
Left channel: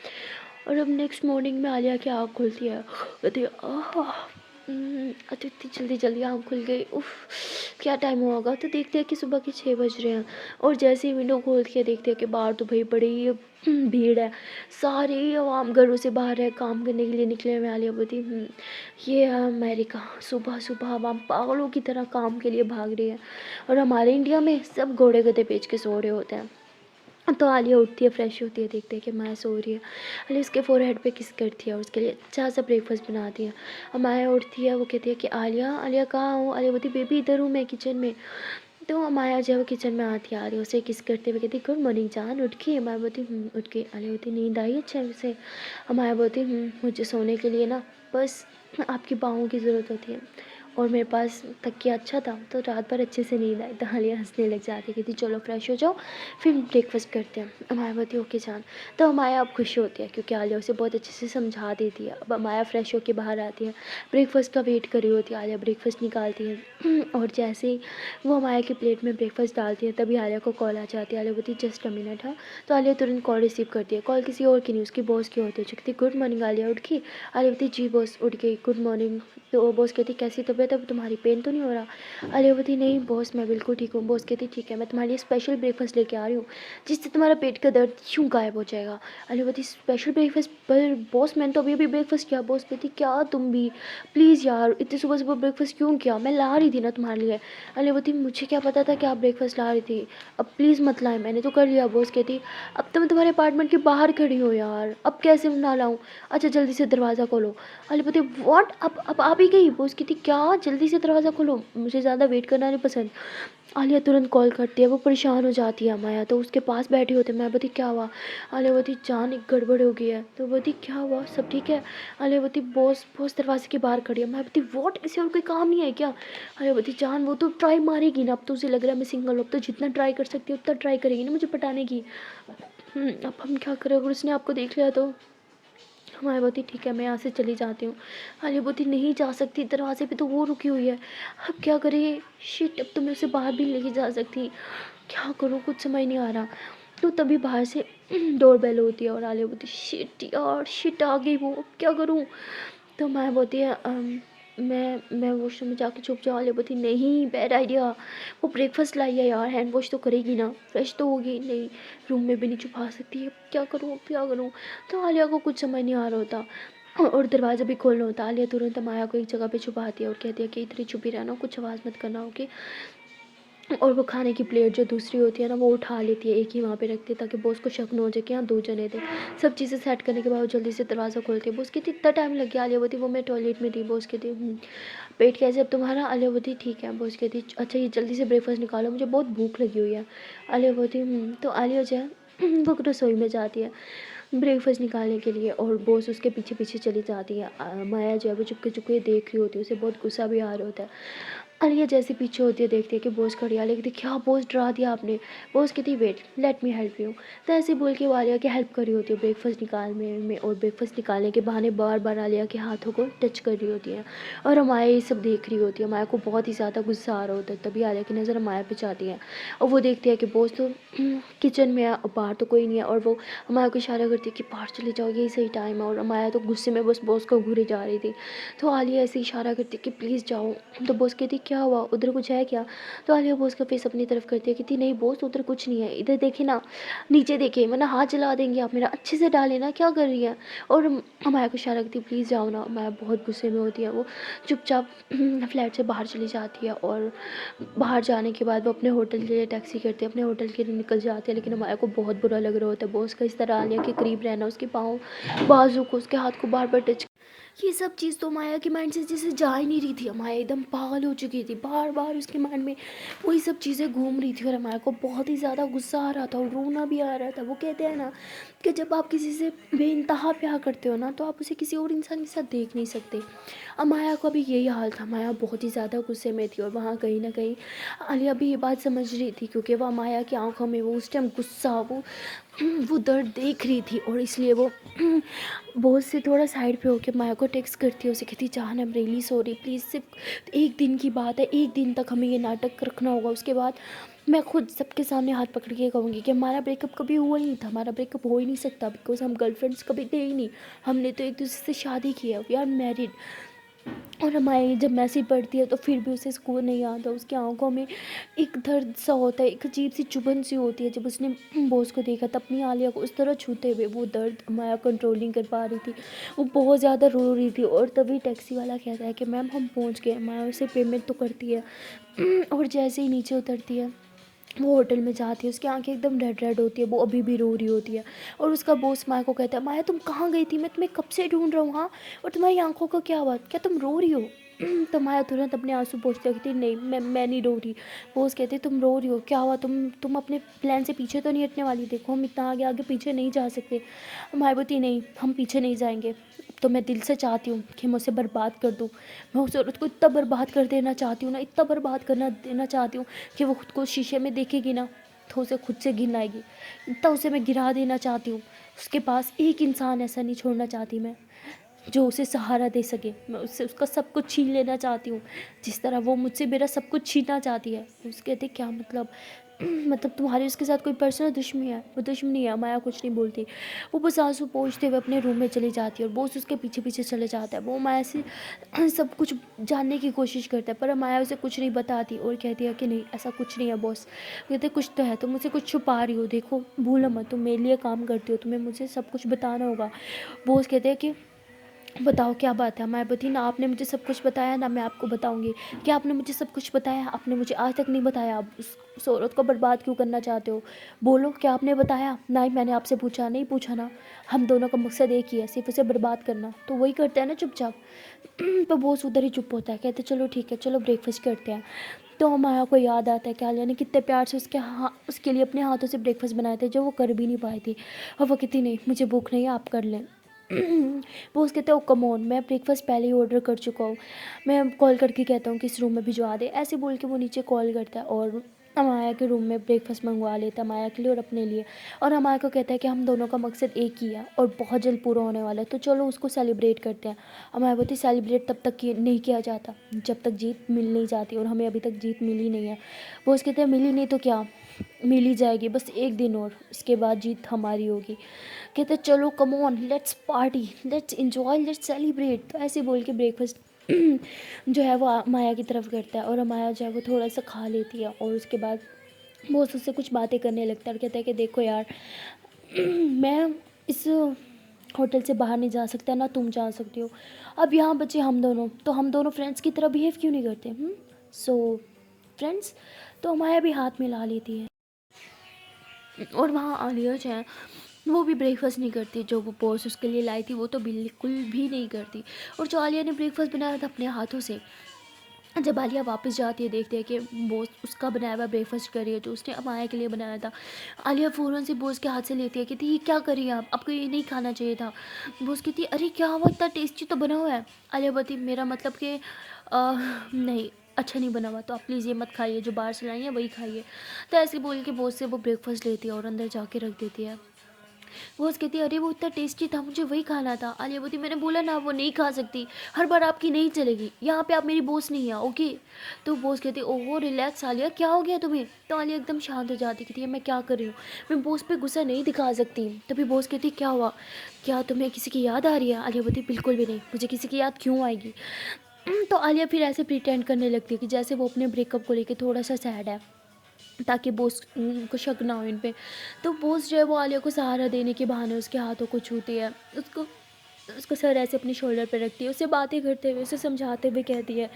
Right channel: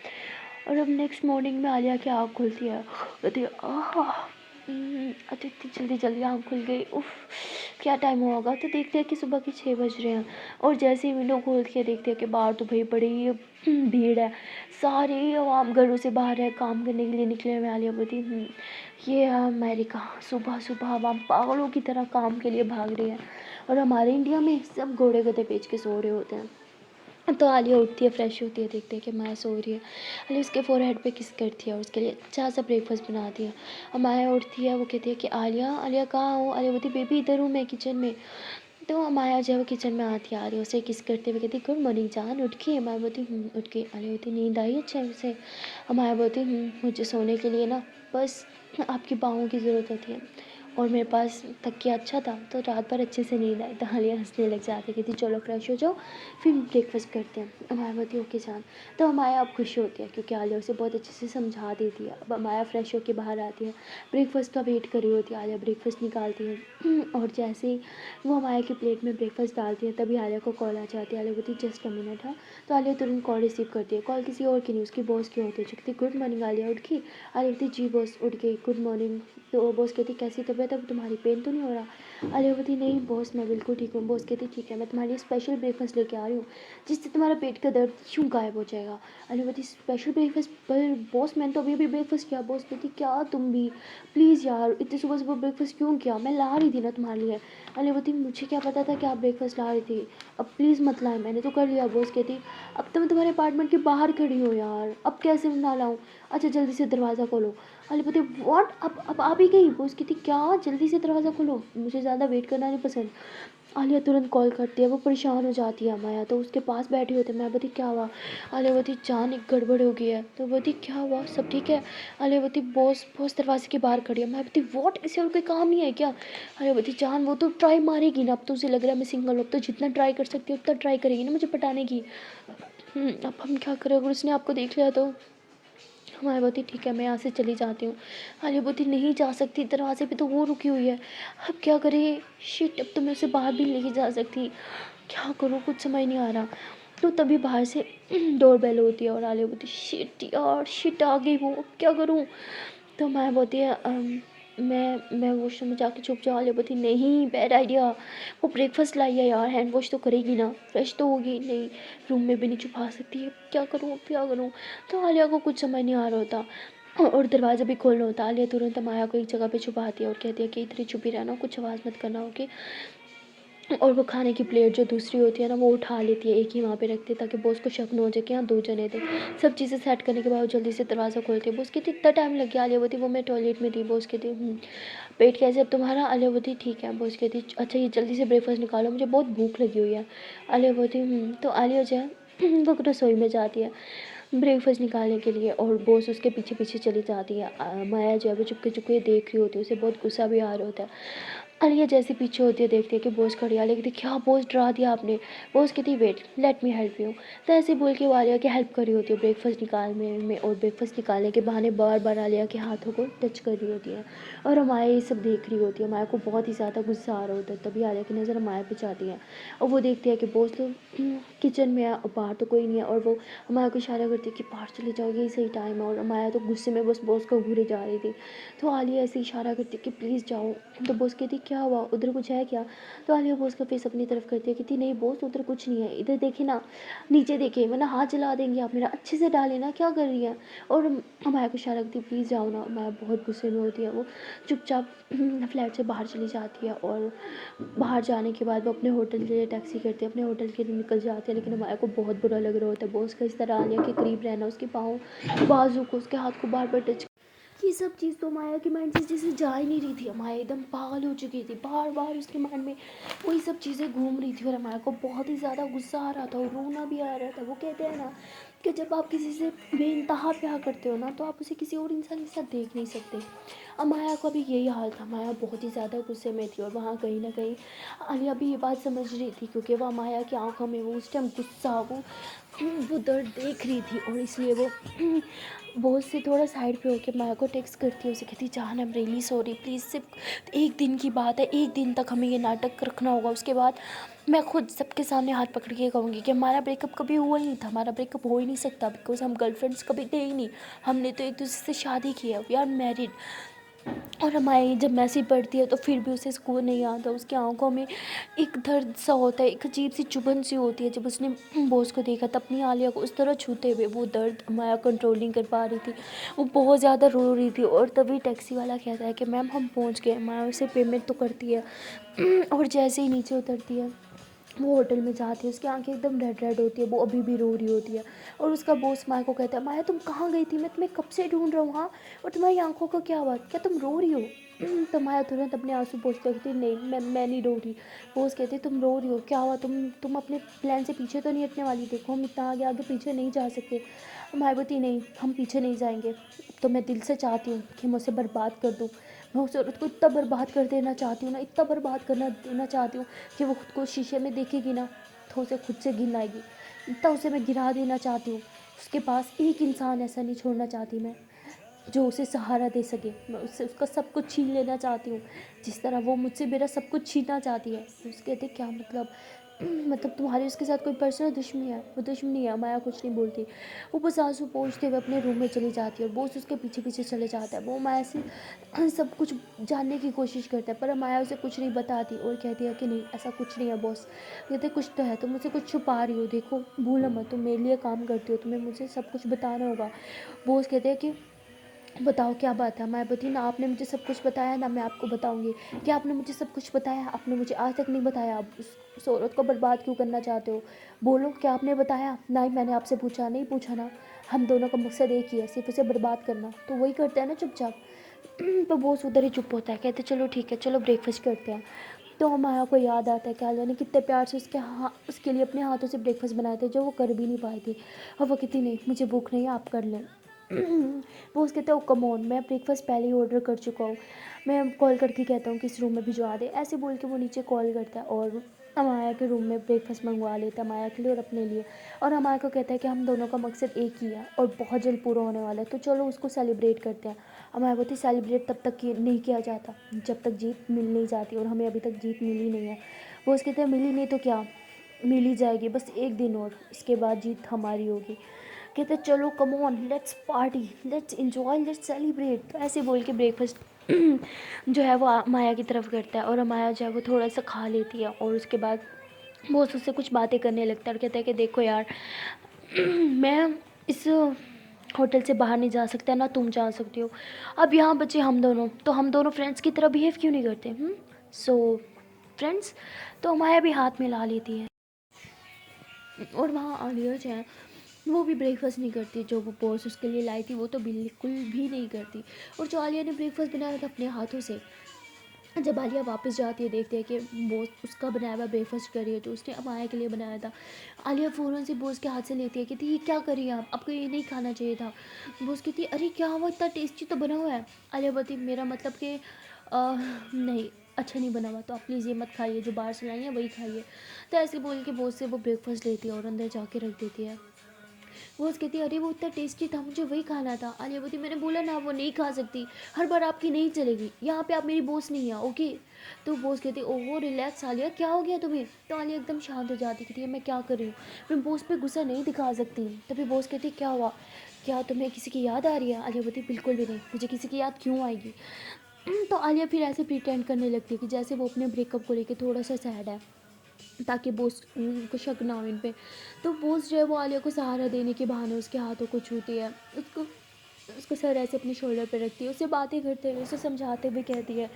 और अब नेक्स्ट मॉर्निंग में आलिया की आँख खुलती है, कहती है आह तो इतनी जल्दी जल्दी आँख खुल गई। उफ़! क्या टाइम हुआ होगा? तो देखते हैं कि सुबह के 6 बज रहे हैं और जैसे ही विंडो खोलती है देखते हैं कि बाहर तो भई बड़ी भीड़ है। सारे आवाम घरों से बाहर है, काम करने के लिए निकले हुए हैं। आलिया बोलती ये है अमेरिका, सुबह-सुबह आवाम पागलों की तरह काम के लिए भाग रही है और हमारे इंडिया में सब घोड़े गधे बेच के सो रहे होते हैं। तो आलिया उठती है, फ्रेश होती है, देखते हैं कि माया सो रही है। आलिया उसके फ़ोरहेड पे किस करती है, उसके लिए अच्छा सा ब्रेकफ़ास्ट बनाती है। माया उठती है, वो कहती है कि आलिया, आलिया कहाँ हो? आलिया बोलती बेबी इधर हूँ मैं किचन में। तो माया जो है वो किचन में आती है, आलिया उसे किस करते हुए कहती गुड मॉर्निंग जान, उठ गई? माया बोलती उठ गई। आलिया बोलती नींद आई अच्छे से? माया बोलती मुझे सोने के लिए ना बस आपकी बाहों की ज़रूरत होती है और मेरे पास तकिया अच्छा था तो रात भर अच्छे से नींद आई। तो आलिया हंसने लग जाती है, कहती चलो फ्रेश हो जाओ फिर ब्रेकफास्ट करते हैं। माया बोलती ओके जान। तो माया अब खुश होती है क्योंकि आलिया उसे बहुत अच्छे से समझा देती है। अब माया फ्रेश होकर बाहर आती है, ब्रेकफास्ट का वेट कर रही होती है। आलिया ब्रेकफास्ट निकालती है और जैसे ही वो माया की प्लेट में ब्रेकफास्ट डालती है तभी आलिया को कॉल आ जाती है। आलिया बोलती जस्ट अ मिनट है। तो आलिया तुरंत कॉल रिसीव करती है। कॉल किसी और की नहीं, उसकी बॉस की होती है जो कहती गुड मॉर्निंग आलिया, उठ गई? आलिया बोलती जी बॉस उठ गई, गुड मॉर्निंग। तो बॉस कहती कैसी तबीयत है, तुम्हारी पेन तो नहीं हो रहा? आलिया बोलती नहीं बॉस मैं बिल्कुल ठीक हूँ। बॉस कहती ठीक है मैं तुम्हारे लिए स्पेशल ब्रेकफास्ट लेके आ रही हूँ जिससे तुम्हारा पेट का दर्द यूँ गायब हो जाएगा। आलिया बोलती स्पेशल ब्रेकफास्ट? पर बॉस मैंने तो अभी अभी ब्रेकफास्ट किया। बॉस कहती क्या तुम भी, प्लीज़ यार इतनी सुबह सुबह ब्रेकफास्ट क्यों किया, मैं ला रही थी ना तुम्हारे लिए। आलिया बोलती मुझे क्या पता था कि आप ब्रेकफास्ट ला रही थी, अब प्लीज़ मत लाए, मैंने तो कर लिया। बॉस कहती अब तो मैं तुम्हारे अपार्टमेंट के बाहर खड़ी हूँ यार, अब कैसे ना लाऊँ? अच्छा जल्दी से दरवाज़ा खोलो। आलिया बोलती व्हाट, अब आ भी गई? बॉस कहती क्या जल्दी से दरवाज़ा खोलो, मुझे ज़्यादा वेट करना नहीं पसंद। आलिया तुरंत कॉल करती है, वो परेशान हो जाती है। माया तो उसके पास बैठे होते। मैं बोलती क्या हुआ? आलिया बोलती जान एक गड़बड़ हो गई है। तो बोलती क्या हुआ, सब ठीक है? आलिया बोलती बॉस बॉस दरवाजे के बाहर खड़ी है। मैं बोलती व्हाट, इसे और कोई काम नहीं है क्या? आलिया बोलती जान वो तो ट्राई मारेगी ना, अब तो उसे लग रहा है मैं सिंगल, अब तो जितना ट्राई कर सकती है उतना ट्राई करेगी ना मुझे पटाने की। अब हम क्या करें अगर उसने आपको देख लिया तो? माया बोलती ठीक है मैं यहाँ से चली जाती हूँ। आलिया बोलती नहीं जा सकती, दरवाजे पे तो वो रुकी हुई है, अब क्या करें? शिट, अब तो मैं उसे बाहर भी नहीं जा सकती, क्या करूँ कुछ समझ नहीं आ रहा। तो तभी बाहर से डोर बेल होती है और आलिया बोलती शिट यार, शिट आ गई वो, अब क्या करूँ? तो माया बोलती है मैं वॉशरूम में जाके छुप जाऊँ? आलिया बोलती नहीं बैड आइडिया, वो ब्रेकफास्ट लाई है यार, हैंड वॉश तो करेगी ना, फ्रेश तो होगी नहीं, रूम में भी नहीं छुपा सकती है, क्या करूँ अब क्या करूँ? तो आलिया को कुछ समझ नहीं आ रहा होता और दरवाज़ा भी खोलना होता। आलिया तुरंत माया को एक जगह पे छुपाती है और कहती है कि इतनी छुपी रहना, कुछ आवाज़ मत करना ओके। और वो खाने की प्लेट जो दूसरी होती है ना वो उठा लेती है, एक ही वहाँ पे रखती है ताकि बॉस को शक न हो जाए कि हाँ 2 जने थे। सब चीज़ें सेट करने के बाद वो जल्दी से दरवाज़ा खोलती है। बॉस कहती इतना टाइम लग गया? आलिया बोलती वो मैं टॉयलेट में थी। बॉस कहती पेट कैसे अब तुम्हारा? आलिया बोलती ठीक है। बॉस कहती अच्छा ये जल्दी से ब्रेकफास्ट निकालो, मुझे बहुत भूख लगी हुई है। आलिया बोलती तो आलिया जो है वो रसोई में जाती है ब्रेकफास्ट निकालने के लिए और बॉस उसके पीछे पीछे चली जाती है। माया जो है वो चुपके चुपके देख रही होती है, उसे बहुत गुस्सा भी आ रहा होता है। आलिया जैसे पीछे होती है देखती है कि बॉस खड़ी है। आलिया कहती क्या बॉस डरा दिया आपने? बॉस कहती wait let me help you. तो ऐसे बोल के वो आलिया की हेल्प कर रही होती है ब्रेकफास्ट निकालने में और ब्रेकफास्ट निकालने के बहाने बार बार आलिया के हाथों को टच कर रही होती है और माया ये सब देख रही होती है। माया को बहुत ही ज़्यादा गुस्सा आ रहा होता है। तभी आलिया की नज़र माया पे जाती है और वो देखती है कि बॉस तो किचन में है और बाहर तो कोई नहीं है और वो माया को इशारा करती है कि बाहर चले जाओ यही सही टाइम है और माया तो गुस्से में बस बॉस को घूरे जा रही थी। तो आलिया ऐसे इशारा करती है कि प्लीज़ जाओ। तो बॉस कहती क्या हुआ, उधर कुछ है क्या? तो आलिया बॉस का फेस अपनी तरफ करती है, कहती नहीं बॉस उधर कुछ नहीं है, इधर देखे ना, नीचे देखे वरना हाथ जला देंगे आप मेरा, अच्छे से डाले ना, क्या कर रही है? और माया को इशारा करती है प्लीज़ जाओ ना। माया बहुत गुस्से में होती है, वो चुपचाप फ्लैट से बाहर चली जाती है और बाहर जाने के बाद वो अपने होटल के लिए टैक्सी करती है, अपने होटल के लिए निकल जाती है। लेकिन माया को बहुत बुरा लग रहा होता है बॉस का इस तरह आलिया के करीब रहना, उसके पाँव बाजू को उसके हाथ को बार बार टच, ये सब चीज़ तो माया के माइंड से जैसे जा ही नहीं रही थी। माया एकदम पागल हो चुकी थी, बार बार उसके माइंड में वही सब चीज़ें घूम रही थी और माया को बहुत ही ज़्यादा गुस्सा आ रहा था और रोना भी आ रहा था। वो कहते हैं ना कि जब आप किसी से बेइंतहा प्यार करते हो ना तो आप उसे किसी और इंसान के साथ देख नहीं सकते। अब माया का भी यही हाल था। माया बहुत ही ज़्यादा गुस्से में थी और वहाँ कहीं ना कहीं आलिया भी ये बात समझ रही थी क्योंकि वह माया की आंखों में वो उस टाइम गुस्सा, वो दर्द देख रही थी और इसलिए वो बॉस से थोड़ा साइड पे होके माया को टेक्स्ट करती है, उसे कहती जान I am really sorry, please सिर्फ एक दिन की बात है, एक दिन तक हमें ये नाटक रखना होगा, उसके बाद मैं खुद सबके सामने हाथ पकड़ के कहूँगी कि हमारा ब्रेकअप कभी हुआ ही नहीं था, हमारा ब्रेकअप हो ही नहीं सकता बिकॉज हम गर्लफ्रेंड्स कभी थे ही नहीं, हमने तो एक दूसरे से शादी की है, वी आर मैरिड। और हमारी जब मैसेज पढ़ती है तो फिर भी उसे सुकून नहीं आता। उसकी आंखों में एक दर्द सा होता है, एक अजीब सी चुभन सी होती है। जब उसने बॉस को देखा तब अपनी आलिया को उस तरह छूते हुए वो दर्द माया कंट्रोल नहीं कर पा रही थी। वो बहुत ज़्यादा रो रही थी और तभी टैक्सी वाला कहता है कि मैम हम पहुंच गए। माया उसे पेमेंट तो करती है और जैसे ही नीचे उतरती है वो होटल में जाती है, उसकी आंखें एकदम रेड रेड होती है, वो अभी भी रो रही होती है। और उसका बॉस माया को कहता है, माया तुम कहाँ गई थी, मैं तुम्हें कब से ढूंढ रहा हूँ। हाँ, और तुम्हारी आंखों का क्या बात, क्या तुम रो रही हो। तो माया तुरंत अपने आंसू पोंछती कहती नहीं, मैं नहीं रो रही। बॉस कहते तुम रो रही हो, क्या हुआ, तुम अपने प्लान से पीछे तो नहीं हटने वाली, देखो हम इतना आगे आगे पीछे नहीं जा सकते। माया बोलती नहीं, हम पीछे नहीं जाएंगे। तो मैं दिल से चाहती हूँ कि मैं उसे बर्बाद कर दूँ। मैं उस औरत को इतना बर्बाद कर देना चाहती हूँ ना, इतना बर्बाद करना देना चाहती हूँ कि वो खुद को शीशे में देखेगी ना तो उसे खुद से घिन आएगी। इतना उसे मैं गिरा देना चाहती हूँ। उसके पास एक इंसान ऐसा नहीं छोड़ना चाहती मैं जो उसे सहारा दे सके। मैं उससे उसका सब कुछ छीन लेना चाहती हूँ जिस तरह वो मुझसे मेरा सब कुछ छीनना चाहती है। तो उसके कहते क्या मतलब, मतलब तुम्हारी उसके साथ कोई पर्सनल दुश्मनी है। वो दुश्मनी है, माया कुछ नहीं बोलती। वो बस आंसू पोंछते हुए अपने रूम में चली जाती है और बॉस उसके पीछे पीछे चले जाता है। वो माया से सब कुछ जानने की कोशिश करता है पर माया उसे कुछ नहीं बताती और कहती है कि नहीं ऐसा कुछ नहीं है बॉस। कहते कुछ तो है, तुम मुझसे कुछ छुपा रही हो, देखो भूलो मत तुम मेरे लिए काम करती हो, तुम्हें मुझे सब कुछ बताना होगा। बॉस कहते हैं कि बताओ क्या बात है। मैं बती ना आपने मुझे सब कुछ बताया ना मैं आपको बताऊंगी। क्या आपने मुझे सब कुछ बताया, आपने मुझे आज तक नहीं बताया। आप उस औरत को बर्बाद क्यों करना चाहते हो, बोलो क्या आपने बताया। नहीं मैंने आपसे पूछा, नहीं पूछा ना। हम दोनों का मकसद एक ही है, सिर्फ उसे बर्बाद करना। तो वही करते हैं ना चुपचाप। तो बॉस उधर ही चुप होता है, कहते चलो ठीक है चलो ब्रेकफास्ट करते हैं। तो माया को याद आता है कि आलिया ने कितने प्यार से उसके लिए अपने हाथों से ब्रेकफास्ट बनाए थे जो वो कर भी नहीं पाई थी। और वो कहती नहीं मुझे भूख नहीं है, आप कर लें। वो उसके कहते हैं ओ कम ऑन, मैं ब्रेकफास्ट पहले ही ऑर्डर कर चुका हूँ, मैं कॉल करके कहता हूँ कि इस रूम में भिजवा दे। ऐसे बोल के वो नीचे कॉल करता है और माया के रूम में ब्रेकफास्ट मंगवा लेता है माया के लिए और अपने लिए। और माया को कहता है कि हम दोनों का मकसद एक ही है और बहुत जल्द पूरा होने वाला है, तो चलो उसको सेलिब्रेट करते हैं। माया बोलती सेलिब्रेट तब तक नहीं किया जाता जब तक जीत मिल नहीं जाती और हमें अभी तक जीत मिली नहीं है। वो उसके कहते हैं मिली नहीं तो क्या, मिल ही जाएगी, बस एक दिन और उसके बाद जीत हमारी होगी। कहते चलो come on let's party, let's enjoy, let's celebrate. तो ऐसे बोल के ब्रेकफास्ट जो है वो माया की तरफ करता है और माया जो है वो थोड़ा सा खा लेती है और उसके बाद वो उससे कुछ बातें करने लगता है और कहता है कि देखो यार मैं इस होटल से बाहर नहीं जा सकता ना तुम जा सकती हो। अब यहाँ बचे हम दोनों, तो हम दोनों फ्रेंड्स की तरह बिहेव क्यों नहीं करते। सो फ्रेंड्स, तो माया भी हाथ मिला लेती है। और वहाँ आलिया जो है वो भी ब्रेकफास्ट नहीं करती, जो वो बॉस उसके लिए लाई थी वो तो बिल्कुल भी नहीं करती। और जो आलिया ने ब्रेकफास्ट बनाया था अपने हाथों से, जब आलिया वापस जाती है देखते हैं कि बॉस उसका बनाया हुआ ब्रेकफास्ट कर रही है जो उसने माया के लिए बनाया था। आलिया फ़ौरन से बॉस के हाथ से लेती है, कहती ये क्या करिए आप, आपको ये नहीं खाना चाहिए था। बॉस कहती है अरे क्या हुआ, इतना टेस्टी तो बना हुआ है। आलिया बोलती मेरा मतलब कि नहीं अच्छा नहीं बना हुआ, तो आप प्लीज़ ये मत खाइए, जो बाहर से लाई है वही खाइए। तो ऐसे बोल के बॉस से वो ब्रेकफास्ट लेती है और अंदर जाके रख देती है। वो उसकी कहती है अरे वो इतना टेस्टी था, मुझे वही खाना था। आलिया बोलती मैंने बोला ना वो नहीं खा सकती, हर बार आपकी नहीं चलेगी, यहाँ पे आप मेरी बॉस नहीं है ओके। तो बॉस कहती है ओहो रिलैक्स आलिया, क्या हो गया तुम्हें। तो आलिया एकदम शांत हो जाती, कहती है मैं क्या कर रही हूँ, मैं बॉस पे गुस्सा नहीं दिखा सकती। तभी बॉस कहती क्या हुआ, क्या तुम्हें किसी की याद आ रही है। आलिया बोलती बिल्कुल भी नहीं, मुझे किसी की याद क्यों आएगी। तो आलिया फिर ऐसे प्रिटेंड करने लगती है कि जैसे वो अपने ब्रेकअप को लेकर थोड़ा सा सैड है ताकि बॉस को शक ना हो इन पे। तो बॉस जो है वो आलिया को सहारा देने के बहाने उसके हाथों को छूती है, उसको उसको सर ऐसे अपने शोल्डर पर रखती है, उससे बातें करते हुए उसे समझाते हुए कहती है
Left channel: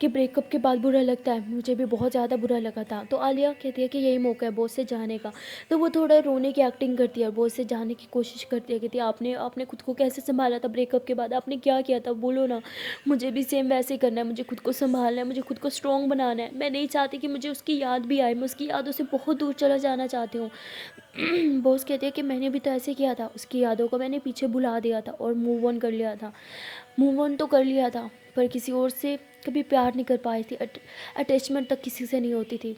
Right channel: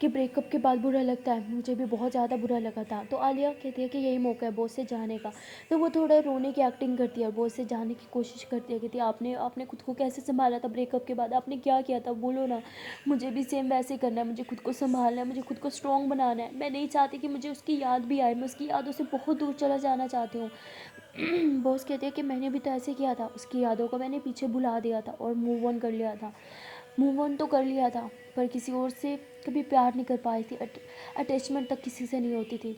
कि ब्रेकअप के बाद बुरा लगता है, मुझे भी बहुत ज़्यादा बुरा लगा था। तो आलिया कहती है कि यही मौका है बॉस से जाने का। तो वो थोड़ा रोने की एक्टिंग करती है और बॉस से जाने की कोशिश करती है, कहती है आपने आपने खुद को कैसे संभाला था ब्रेकअप के बाद, आपने क्या किया था बोलो ना, मुझे भी सेम वैसे करना है, मुझे खुद को संभालना है, मुझे खुद को स्ट्रॉन्ग बनाना है। मैं नहीं चाहती कि मुझे उसकी याद भी आए, मैं उसकी यादों से बहुत दूर चला जाना चाहती हूँ। बॉस कहते हैं कि मैंने भी तो ऐसे किया था, उसकी यादों को मैंने पीछे भुला दिया था और मूव ऑन कर लिया था। मूव ऑन तो कर लिया था पर किसी और से कभी प्यार नहीं कर पाई थी, अटैचमेंट तक किसी से नहीं होती थी।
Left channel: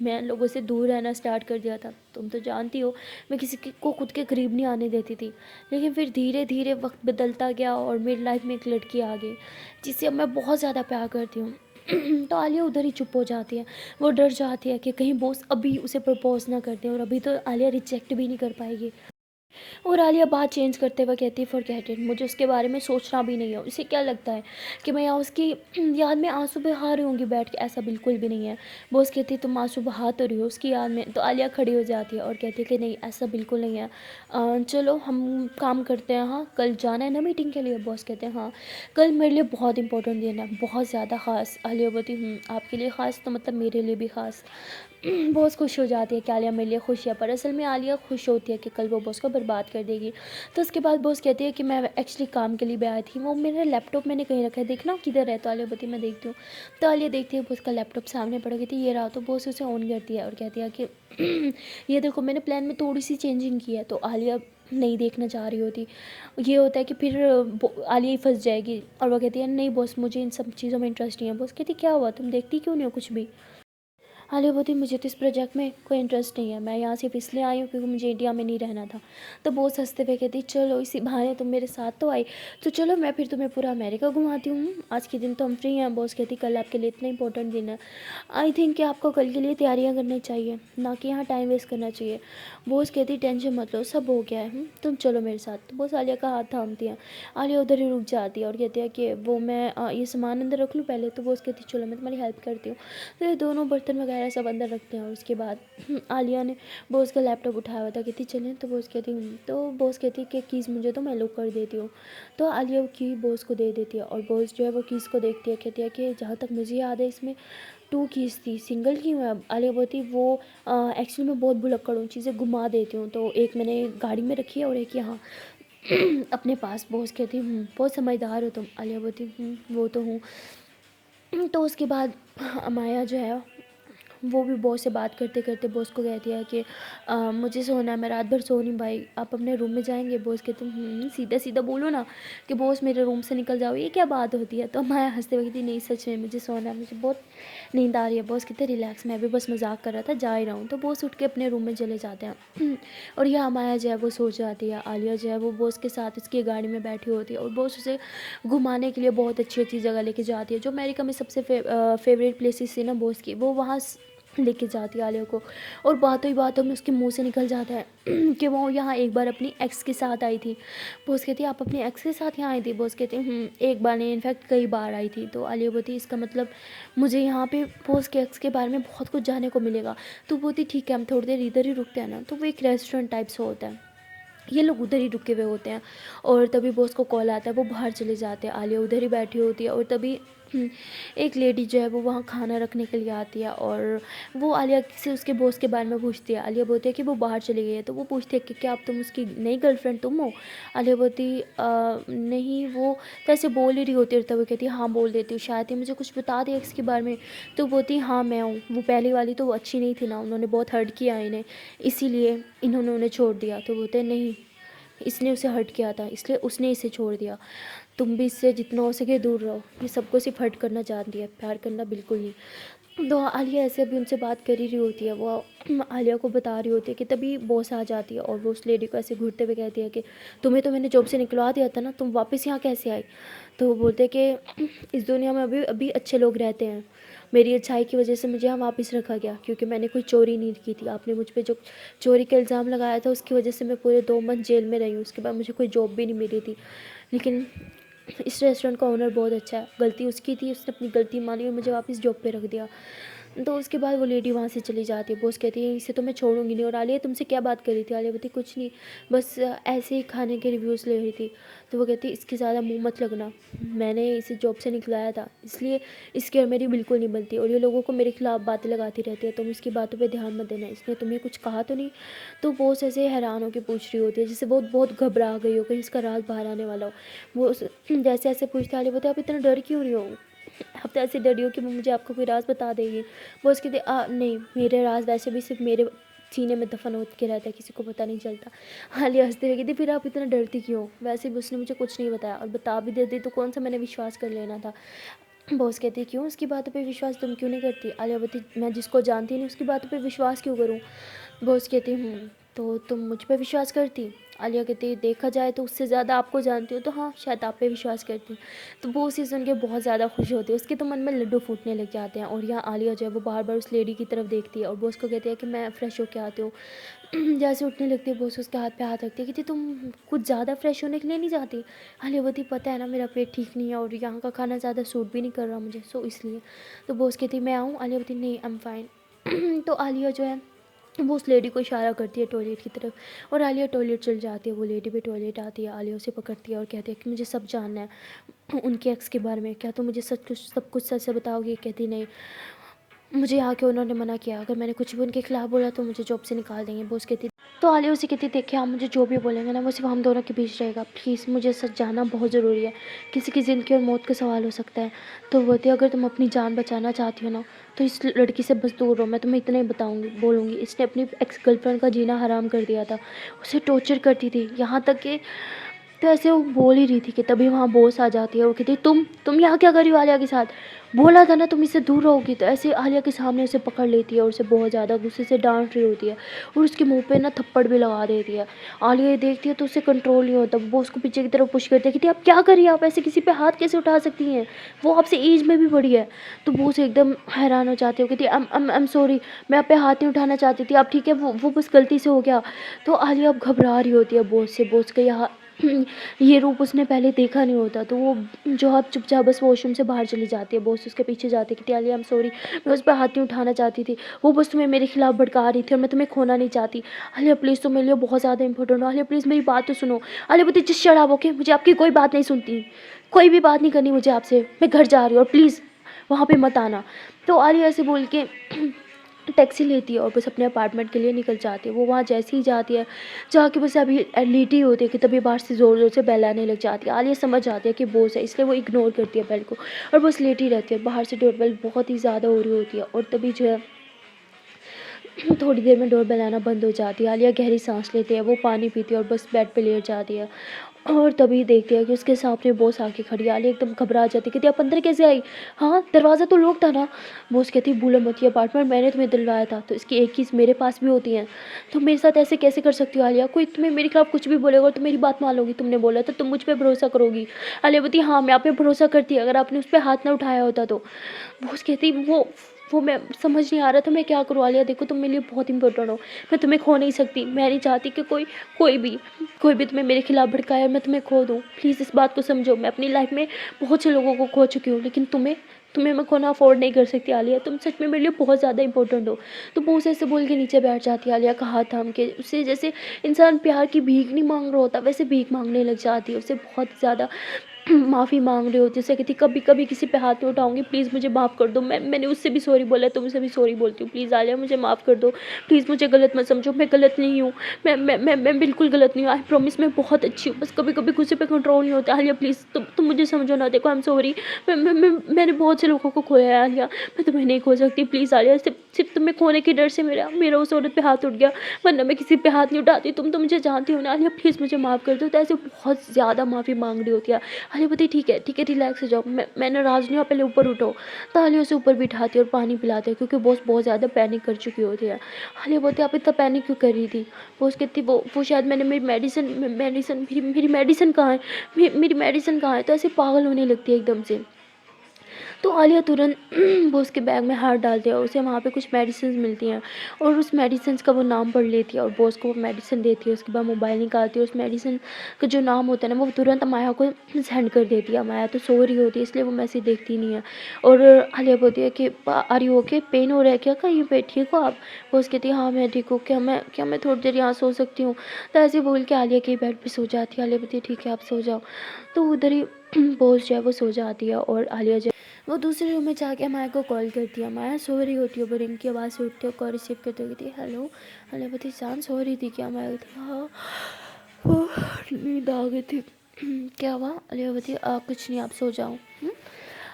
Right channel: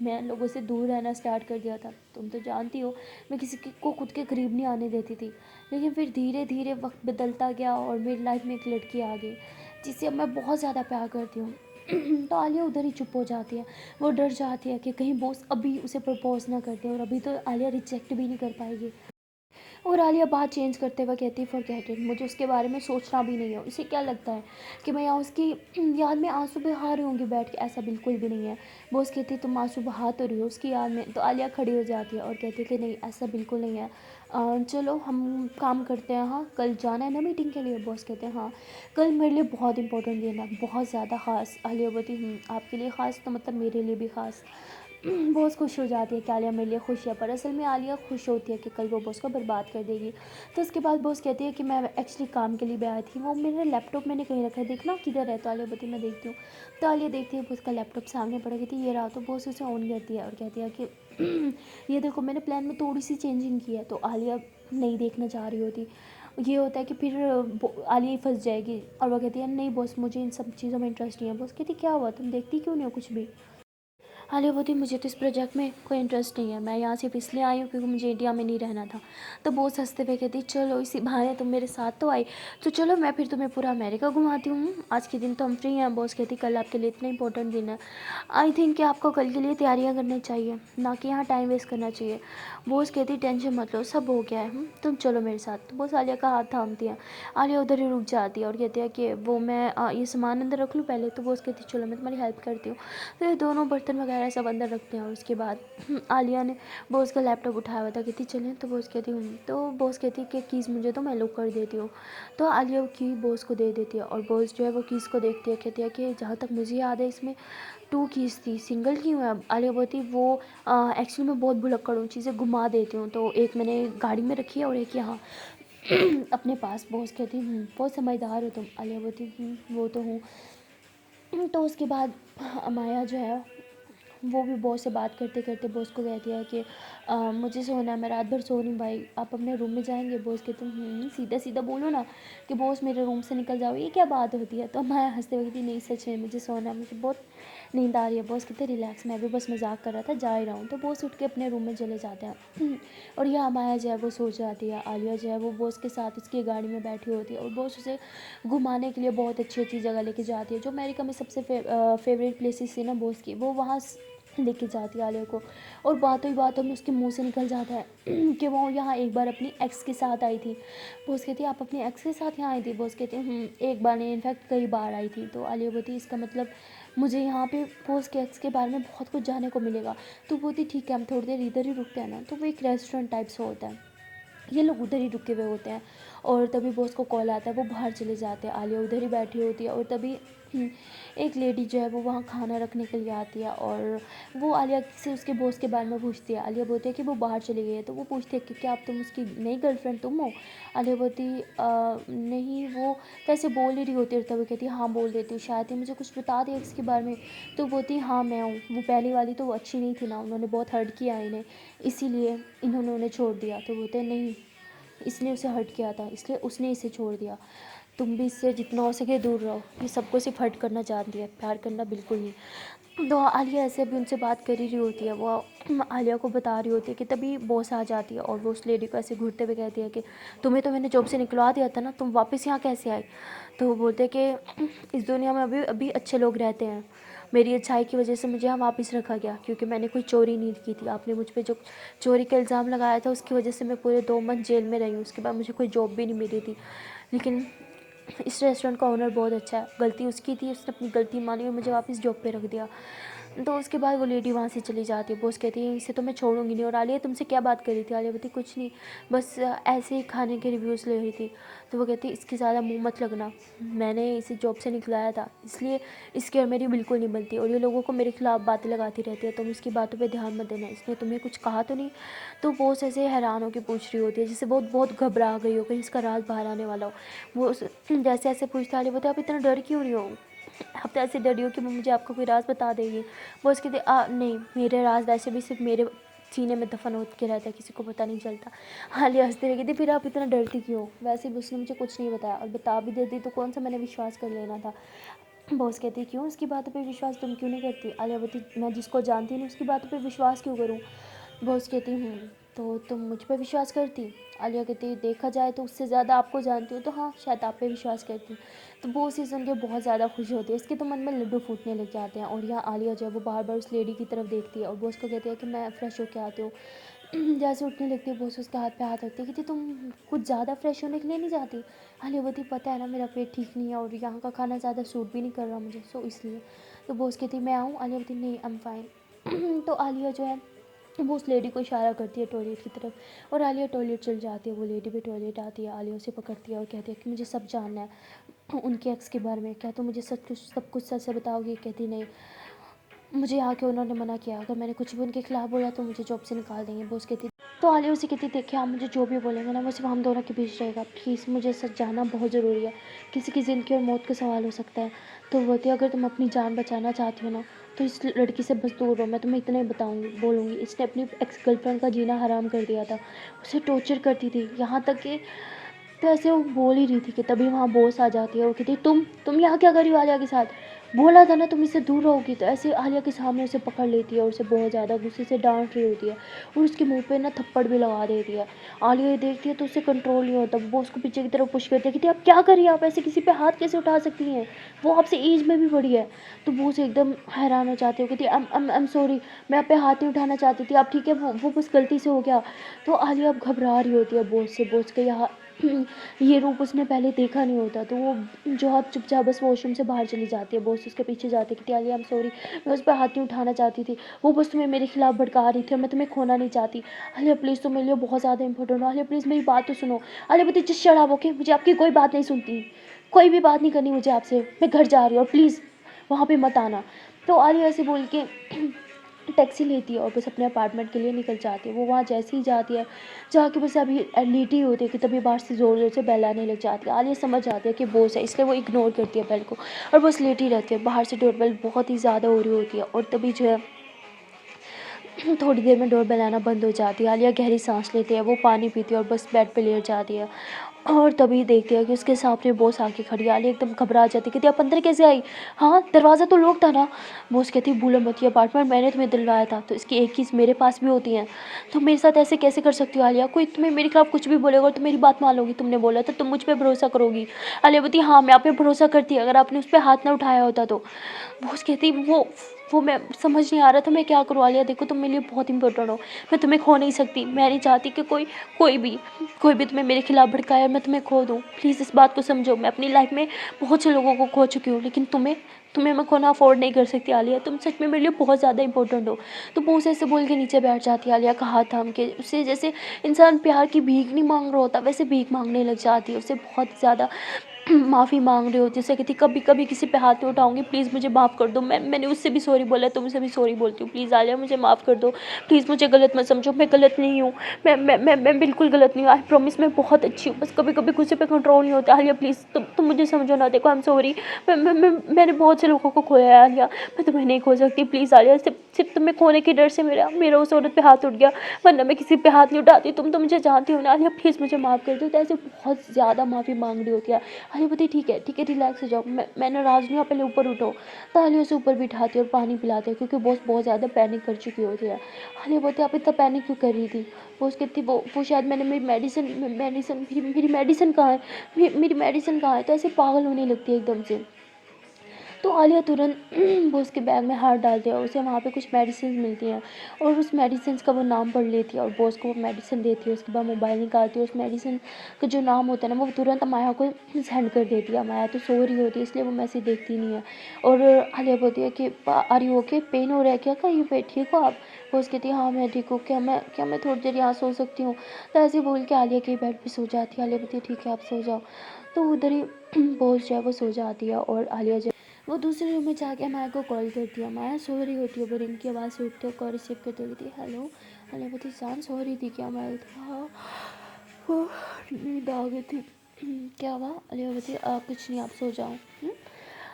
मैं लोगों से दूर रहना स्टार्ट कर दिया था, तुम तो जानती हो मैं को खुद के करीब नहीं आने देती थी। लेकिन फिर धीरे धीरे वक्त बदलता गया और मेरी लाइफ में एक लड़की आ गई जिससे अब मैं बहुत ज़्यादा प्यार करती हूँ। तो आलिया उधर ही चुप हो जाती है। वो डर जाती है कि कहीं बॉस अभी उसे प्रपोज ना कर दें और अभी तो आलिया रिजेक्ट भी नहीं कर पाएगी। और आलिया बात चेंज करते हुए कहती है फॉरगेट इट, मुझे उसके बारे में सोचना भी नहीं है। उसे क्या लगता है कि मैं यहाँ उसकी याद में आंसू बहा रही होंगी बैठ के? ऐसा बिल्कुल भी नहीं है। बॉस कहती है तुम आंसू बहा तो रही हो उसकी याद में। तो आलिया खड़ी हो जाती है और कहती है कि नहीं ऐसा बिल्कुल नहीं है। चलो हम काम करते हैं। हाँ कल जाना है ना मीटिंग के लिए? बॉस कहते हैं हाँ कल मेरे लिए बहुत इंपॉर्टेंट दिन है, बहुत ज़्यादा ख़ास। आलिया बोलती आपके लिए ख़ास तो मतलब मेरे लिए भी ख़ास। बहुत खुश हो जाती है कि आलिया मेरे लिए खुश है, पर असल में आलिया खुश होती है कि कल वो बॉस को बर्बाद कर देगी। तो उसके बाद बॉस कहती है कि मैं एक्चुअली काम के लिए भी आई थी, वो मेरा लैपटॉप मैंने कहीं रखा है, देखना किधर है? तो आलिया बोलती मैं देखती हूँ। तो आलिया देखती है बॉस का लैपटॉप सामने पड़ा, कहती है ये रहा। तो बॉस उसे ऑन करती है और कहती है कि ये देखो मैंने प्लान में थोड़ी सी चेंजिंग की है। तो आलिया नहीं देखना चाह रही होती। ये होता है कि फिर आलिया ही फंस जाएगी और वो कहती है नहीं बॉस मुझे इन सब चीज़ों में इंटरेस्ट नहीं है। बॉस कहती क्या हुआ तुम देखती क्यों नहीं हो कुछ भी? आलिया बोलती मुझे तो इस प्रोजेक्ट में कोई इंटरेस्ट नहीं है, मैं यहाँ सिर्फ इसलिए आई हूँ क्योंकि मुझे इंडिया में नहीं रहना था। तो बहुत हंसते हुए कहती चलो इसी बहाने तुम मेरे साथ तो आई, तो चलो मैं फिर तुम्हें पूरा अमेरिका घुमाती हूँ। आज के दिन तो हम फ्री हैं। बॉस कहती कल आपके लिए इतना इंपॉर्टेंट दिन है, आई थिंक कि आपको कल के लिए तैयारियाँ करनी चाहिए, ना कि यहाँ टाइम वेस्ट करना चाहिए। बॉस कहती टेंशन मत लो सब हो गया है, तुम चलो मेरे साथ। तो बॉस आलिया का हाथ थामती है। आलिया उधर ही रुक जाती है और कहती है कि वो मैं ये सामान अंदर रख लूँ पहले? तो बॉस कहती चलो मैं तुम्हारी हेल्प करती हूँ। तो ये दोनों बर्तन वगैरह सब अंदर रखते हैं और उसके बाद आलिया ने बॉस का लैपटॉप उठाया हुआ था, कहती चलें? तो बॉस कहती तो बॉस कहती कि कीज़ मुझे तो मैं लॉक कर देती हूँ। तो आलिया वो की बॉस को दे देती है और बॉस जो है वो कीज़ को देखती है, कहती है कि जहाँ तक मुझे याद है इसमें 2 कीज़ थी, सिंगल क्यों है? आलिया बोलती वो एक्चुअली मैं बहुत भुलक्कड़ हूँ, चीज़ें घुमा देती हूँ, तो एक मैंने गाड़ी में रखी है और एक यहाँ अपने पास। बॉस कहती बहुत समझदार हो तुम। आलिया बोलती वो तो हूँ। तो उसके बाद माया जो है वो भी बॉस से बात करते करते बॉस को कहती है कि मुझे सोना है, मैं रात भर सो नहीं पाई, आप अपने रूम में जाएंगे? बॉस कहते सीधा सीधा बोलो ना कि बॉस मेरे रूम से निकल जाओ, ये क्या बात होती है? तो मैं हंसते हुए कहती नहीं सच में मुझे सोना है, मुझे बहुत नींद आ रही है। बॉस कहते रिलैक्स, मैं भी बस मजाक कर रहा था, जा ही रहा हूँ। तो बॉस उठ के अपने रूम में चले जाते हैं और यह माया जो है वो सो जाती है। आलिया जो है वो बॉस के साथ उसकी गाड़ी में बैठी होती है और बॉस उसे घुमाने के लिए बहुत अच्छी अच्छी जगह लेके जाती है। जो अमेरिका में सबसे फेवरेट प्लेसेस थी ना बॉस की, वो वहाँ लेके जाती है आलिया को। और बातों ही बातों में उसके मुंह से निकल जाता है कि वो यहाँ एक बार अपनी एक्स के साथ आई थी। बॉस कहती है आप अपनी एक्स के साथ यहाँ आई थी? बॉस कहते हैं एक बार नहीं इनफैक्ट कई बार आई थी। तो आलिया बोलती इसका मतलब मुझे यहाँ पे बॉस के एक्स के बारे में बहुत कुछ जानने को मिलेगा। तो बोलती ठीक है हम थोड़ी देर इधर ही रुकते हैं ना। तो वो एक रेस्टोरेंट टाइप से होता है, ये लोग उधर ही रुके हुए होते हैं और तभी बॉस को कॉल आता है, वो बाहर चले जाते हैं। आलिया उधर ही बैठी होती है और तभी एक लेडी जो है वो वहाँ खाना रखने के लिए आती है और वो आलिया से उसके बॉस के बारे में पूछती है। आलिया बोलती है कि वो बाहर चली गई है। तो वो पूछती है कि क्या आप तुम उसकी नई गर्लफ्रेंड तुम हो? आलिया बोलती नहीं, वो तो ऐसे बोल ही रही होती है। तब वो कहती है हाँ बोल देती हूँ, शायद ही मुझे कुछ बता दिया इसके बारे में। तो बोलती हाँ मैं हूँ, वो पहली वाली तो वो अच्छी नहीं थी ना, उन्होंने बहुत हर्ट किया इन्हें, इसीलिए इन्होंने उन्हें छोड़ दिया। तो बोलते नहीं, इसने उसे हर्ट किया था इसलिए उसने इसे छोड़ दिया, तुम भी इससे जितना हो सके दूर रहो, ये सबको सिर्फ हर्ट करना चाहती है, प्यार करना बिल्कुल नहीं। तो आलिया ऐसे अभी उनसे बात कर ही रही होती है, वो आलिया को बता रही होती है कि तभी बॉस आ जाती है और वो उस लेडी को ऐसे घूरते हुए कहती है कि तुम्हें तो मैंने जॉब से निकलवा दिया था ना, तुम वापस यहाँ कैसे आई? तो वो बोलते हैं कि इस दुनिया में अभी अभी अच्छे लोग रहते हैं, मेरी अच्छाई की वजह से मुझे यहाँ वापस रखा गया क्योंकि मैंने कोई चोरी नहीं की थी। आपने मुझ पे जो चोरी का इल्ज़ाम लगाया था उसकी वजह से मैं पूरे 2 मंथ जेल में रही हूँ, उसके बाद मुझे कोई जॉब भी नहीं मिली थी। लेकिन इस रेस्टोरेंट का ओनर बहुत अच्छा है, गलती उसकी थी, उसने अपनी गलती मानी और मुझे वापस जॉब पे रख दिया। तो उसके बाद वो लेडी वहाँ से चली जाती है। बॉस कहती है इसे तो मैं छोड़ूंगी नहीं। और आलिया तुमसे क्या बात कर रही थी? आलिया बोलती कुछ नहीं, बस ऐसे ही खाने के रिव्यूज़ ले रही थी। तो वो कहती इसकी ज़्यादा मुंह मत लगना, मैंने इसे जॉब से निकलाया था इसलिए इसकी और मेरी बिल्कुल नहीं बनती और ये लोगों को मेरे खिलाफ़ बातें लगाती रहती है, तुम इसकी बातों पे ध्यान मत देना, इसने तुम्हें कुछ कहा तो नहीं? तो बॉस ऐसे हैरान होकर पूछ रही होती है जैसे बहुत बहुत घबरा गई हो कहीं इसका राज बाहर आने वाला हो। वो जैसे ऐसे पूछते आलिया बोलते आप इतना डर क्यों रही हो? आप तो ऐसे डरी हो कि वो मुझे आपका कोई राज बता देगी। वो उसके नहीं, मेरे राज वैसे भी सिर्फ मेरे सीने में दफन हो के रहता है, किसी को पता नहीं चलता। आलिया हंसते हुए कहती फिर आप इतना डरती क्यों? वैसे भी उसने मुझे कुछ नहीं बताया और बता भी देती तो कौन सा मैंने विश्वास कर लेना था। बॉस कहती क्यों उसकी बातों पे विश्वास तुम क्यों नहीं करती? आलिया बोलती मैं जिसको जानती नहीं उसकी बातों पे विश्वास क्यों करूँ? बॉस कहती तो तुम मुझ पे विश्वास करती? आलिया कहती देखा जाए तो उससे ज़्यादा आपको जानती हूँ, तो हाँ शायद आप पे विश्वास करती हूँ। तो वो उसे सुन के बहुत ज़्यादा खुश होती है, उसके तो मन में लड्डू फूटने लग जाते हैं। और यहाँ आलिया जो है वो बार बार उस लेडी की तरफ देखती है और वो उसको कहती है कि मैं फ्रेश होके आती हूँ। जैसे उठने लगती है, बॉस उसके हाथ पे हाथ रखती है, कहती तुम कुछ ज़्यादा फ्रेश होने के लिए नहीं जाती? आलिया बोलती पता है ना मेरा पेट ठीक नहीं है और यहाँ का खाना ज़्यादा सूट भी नहीं कर रहा मुझे, सो इसलिए। तो बॉस कहती मैं आऊँ? आलिया बोलती नहीं, आई एम फाइन। तो आलिया जो है वो उस लेडी को इशारा करती है टॉयलेट की तरफ और आलिया टॉयलेट चल जाती है। वो लेडी भी टॉयलेट आती है, आलिया उसे पकड़ती है और कहती है कि मुझे सब जानना है उनके एक्स के बारे में, क्या तुम मुझे सब कुछ सच से बताओगी? कहती नहीं, मुझे यहाँ के उन्होंने मना किया, अगर मैंने कुछ भी उनके खिलाफ बोला तो मुझे जॉब से निकाल देंगे। बॉस कहती तो आलिया उसे कहती देखिए आप मुझे जो भी बोलेंगे ना वो सिर्फ हम दोनों के बीच रहेगा, प्लीज़ मुझे सच जानना बहुत ज़रूरी है, किसी की ज़िंदगी और मौत का सवाल हो सकता है। तो वो बोलती अगर तुम अपनी जान बचाना चाहती हो ना तो इस लड़की से बस दूर रहो, मैं तुम्हें इतना ही बताऊंगी बोलूँगी, इसने अपनी एक्स गर्लफ्रेंड का जीना हराम कर दिया था, उसे टॉर्चर करती थी यहाँ तक कि। तो ऐसे वो बोल ही रही थी कि तभी वहाँ बॉस आ जाती है और कहती तुम यहाँ क्या कर रही हो आलिया के साथ? बोला था ना तुम इससे दूर रहोगी। तो ऐसे आलिया के सामने उसे पकड़ लेती है और उसे बहुत ज़्यादा गुस्से से डांट रही होती है और उसके मुंह पे ना थप्पड़ भी लगा देती है। आलिया ये देखती है तो उसे कंट्रोल नहीं होता, वो उसको पीछे की तरफ पुश करती है, कहती आप क्या करिए, आप ऐसे किसी पे हाथ कैसे उठा सकती हैं, वो आपसे एज में भी बड़ी है। तो वो उसे एकदम हैरान हो जाती है, कहती आई एम सॉरी, मैं आप पे हाथ नहीं उठाना चाहती थी, आप ठीक है, वो बस गलती से हो गया। तो आलिया अब घबरा रही होती है बॉस से, बॉस के यहाँ ये रूप उसने पहले देखा नहीं होता। तो वो जो अब चुपचाप बस वॉशरूम से बाहर चली जाती है, बॉस उसके पीछे जाती है कि आलिया आई एम सॉरी, मैं उस पर हाथ नहीं उठाना चाहती थी, वो बस तुम्हें मेरे खिलाफ भड़का रही थी और मैं तुम्हें खोना नहीं चाहती। आलिया प्लीज़ तुम मेरे लिए बहुत ज़्यादा इंपॉर्टेंट हो, आलिया प्लीज़ मेरी बात तो सुनो। आलिया बोलती जिस शराब ओके, मुझे आपकी कोई बात नहीं सुनती, कोई भी बात नहीं करनी मुझे आपसे, मैं घर जा रही हूँ और प्लीज़ वहाँ पर मत आना। तो आलिया ऐसे बोल के टैक्सी लेती है और बस अपने अपार्टमेंट के लिए निकल जाती है। वो वहाँ जैसे ही जाती है, जाके बस अभी लेटी होती है कि तभी बाहर से ज़ोर ज़ोर से बेल आने लग जाती है। आलिया समझ जाती है कि बॉस है, इसलिए वो इग्नोर करती है बेल को और बस लेटी रहती है। बाहर से डोरबेल बहुत ही ज़्यादा हो रही होती है और तभी जो है थोड़ी देर में डोर बेल आना बंद हो जाती है। आलिया गहरी सांस लेती है, वो पानी पीती है और बस बेड पे लेट जाती है और तभी देखती है कि उसके सामने बॉस आके खड़ी है। आलिया एकदम घबरा जाती है, कहती आप अंदर कैसे आई? हाँ दरवाज़ा तो लॉक था ना। बॉस कहती भूलो मत, ये अपार्टमेंट मैंने तुम्हें दिलवाया था, तो इसकी एक कीज मेरे पास भी होती हैं, तो मेरे साथ ऐसे कैसे कर सकती हो आलिया? कोई तुम्हें मेरे खिलाफ कुछ भी बोलेगा तो मेरी बात मान लोगी? तुमने बोला था तुम मुझ पर भरोसा करोगी। आलिया बोलती हाँ मैं आप पे भरोसा करती, अगर आपने उस पर हाथ ना उठाया होता तो। बॉस कहती वो मैं समझ नहीं आ रहा था मैं क्या करूँ। आलिया देखो तुम मेरे लिए बहुत इंपॉर्टेंट हो, मैं तुम्हें खो नहीं सकती, मैं नहीं चाहती कि कोई भी तुम्हें मेरे खिलाफ भड़काए और मैं तुम्हें खो दूँ। प्लीज़ इस बात को समझो, मैं अपनी लाइफ में बहुत से लोगों को खो चुकी हूँ, लेकिन तुम्हें मैं खोना अफोर्ड नहीं कर सकती आलिया, तुम सच में मेरे लिए बहुत ज़्यादा इंपॉर्टेंट हो। तो वो उसे ऐसे बोल के नीचे बैठ जाती है। आलिया का हाथ थाम के उससे जैसे इंसान प्यार की भीख नहीं मांग रहा होता वैसे भीख मांगने लग जाती है, उससे बहुत ज़्यादा माफ़ी मांग रही होती है। जैसे कहती कभी कभी किसी पे हाथ नहीं उठाऊंगी, प्लीज़ मुझे माफ़ कर दो, मैंने उससे भी सॉरी बोला तो मुझसे भी सॉरी बोलती हूँ, प्लीज़ आलिया मुझे माफ़ कर दो, प्लीज़ मुझे गलत मत समझो, मैं गलत नहीं हूँ, मैं बिल्कुल गलत नहीं हूँ, आई प्रॉमिस मैं बहुत अच्छी हूँ, बस कभी कभी गुस्से पे कंट्रोल नहीं होता। आलिया प्लीज़ तुम मुझे समझो ना, देखो आई एम सॉरी, मैंने बहुत से लोगों को खोया है आलिया, मैं तुम्हें नहीं खो सकती, प्लीज़ आलिया, सिर्फ तुम्हें खोने के डर से मेरा मेरा उस औरत पे हाथ उठ गया, वरना मैं किसी पे हाथ नहीं उठाती। तुम तो मुझे जानती हो ना आलिया, प्लीज़ मुझे माफ़ कर दो। तो ऐसे बहुत ज़्यादा माफ़ी मांग रही होती है। आलिया बोलती ठीक है रिलैक्स हो जाओ, मैं नाराज़ नहीं हूँ, आप पहले ऊपर उठो। तो आलिया उसे ऊपर बिठाती है और पानी पिलाती है क्योंकि बॉस बहुत ज़्यादा पैनिक कर चुकी होती है। आलिया बोलती है आप इतना पैनिक क्यों कर रही थी? बॉस कहती वो शायद मैंने मेरी मेडिसिन कहाँ है, मेरी मेडिसिन कहाँ है? तो ऐसे पागल होने लगती है एकदम से। तो आलिया तुरंत वो उसके बैग में हाथ डालती है और उसे वहाँ पे कुछ मेडिसिन मिलती हैं और उस मेडिसिन का वो नाम पढ़ लेती है और बॉस को वो मेडिसिन देती है। उसके बाद मोबाइल निकालती है, उस मेडिसिन का जो नाम होता है ना वो तुरंत माया को सेंड कर देती है। माया तो सो रही होती है इसलिए वो मैसेज देखती नहीं है और आलिया बोलती है कि आर यू ओके, पेन हो रहा है क्या कहीं पे, ठीक हो आप? बॉस कहती है हाँ मैं ठीक हूँ, क्या मैं थोड़ी देर यहाँ सो सकती हूँ? तो ऐसे बोल के आलिया के बेड पर सो जाती है। आलिया बोलती है ठीक है आप सो जाओ। तो उधर ही बॉस जो है वो सो जाती है और आलिया वो दूसरे रूम में जाके माया को कॉल करती है। माया सो रही होती है, वो रिंग की आवाज़ से उठती है, कॉल रिसीव करते हुए कहती है हेलो। अलिया बोलती जान सो रही थी क्या? माया बोलती हाँ नींद आ गई थी। क्या हुआ? अलिया बोलती कुछ नहीं आप सो जाओ।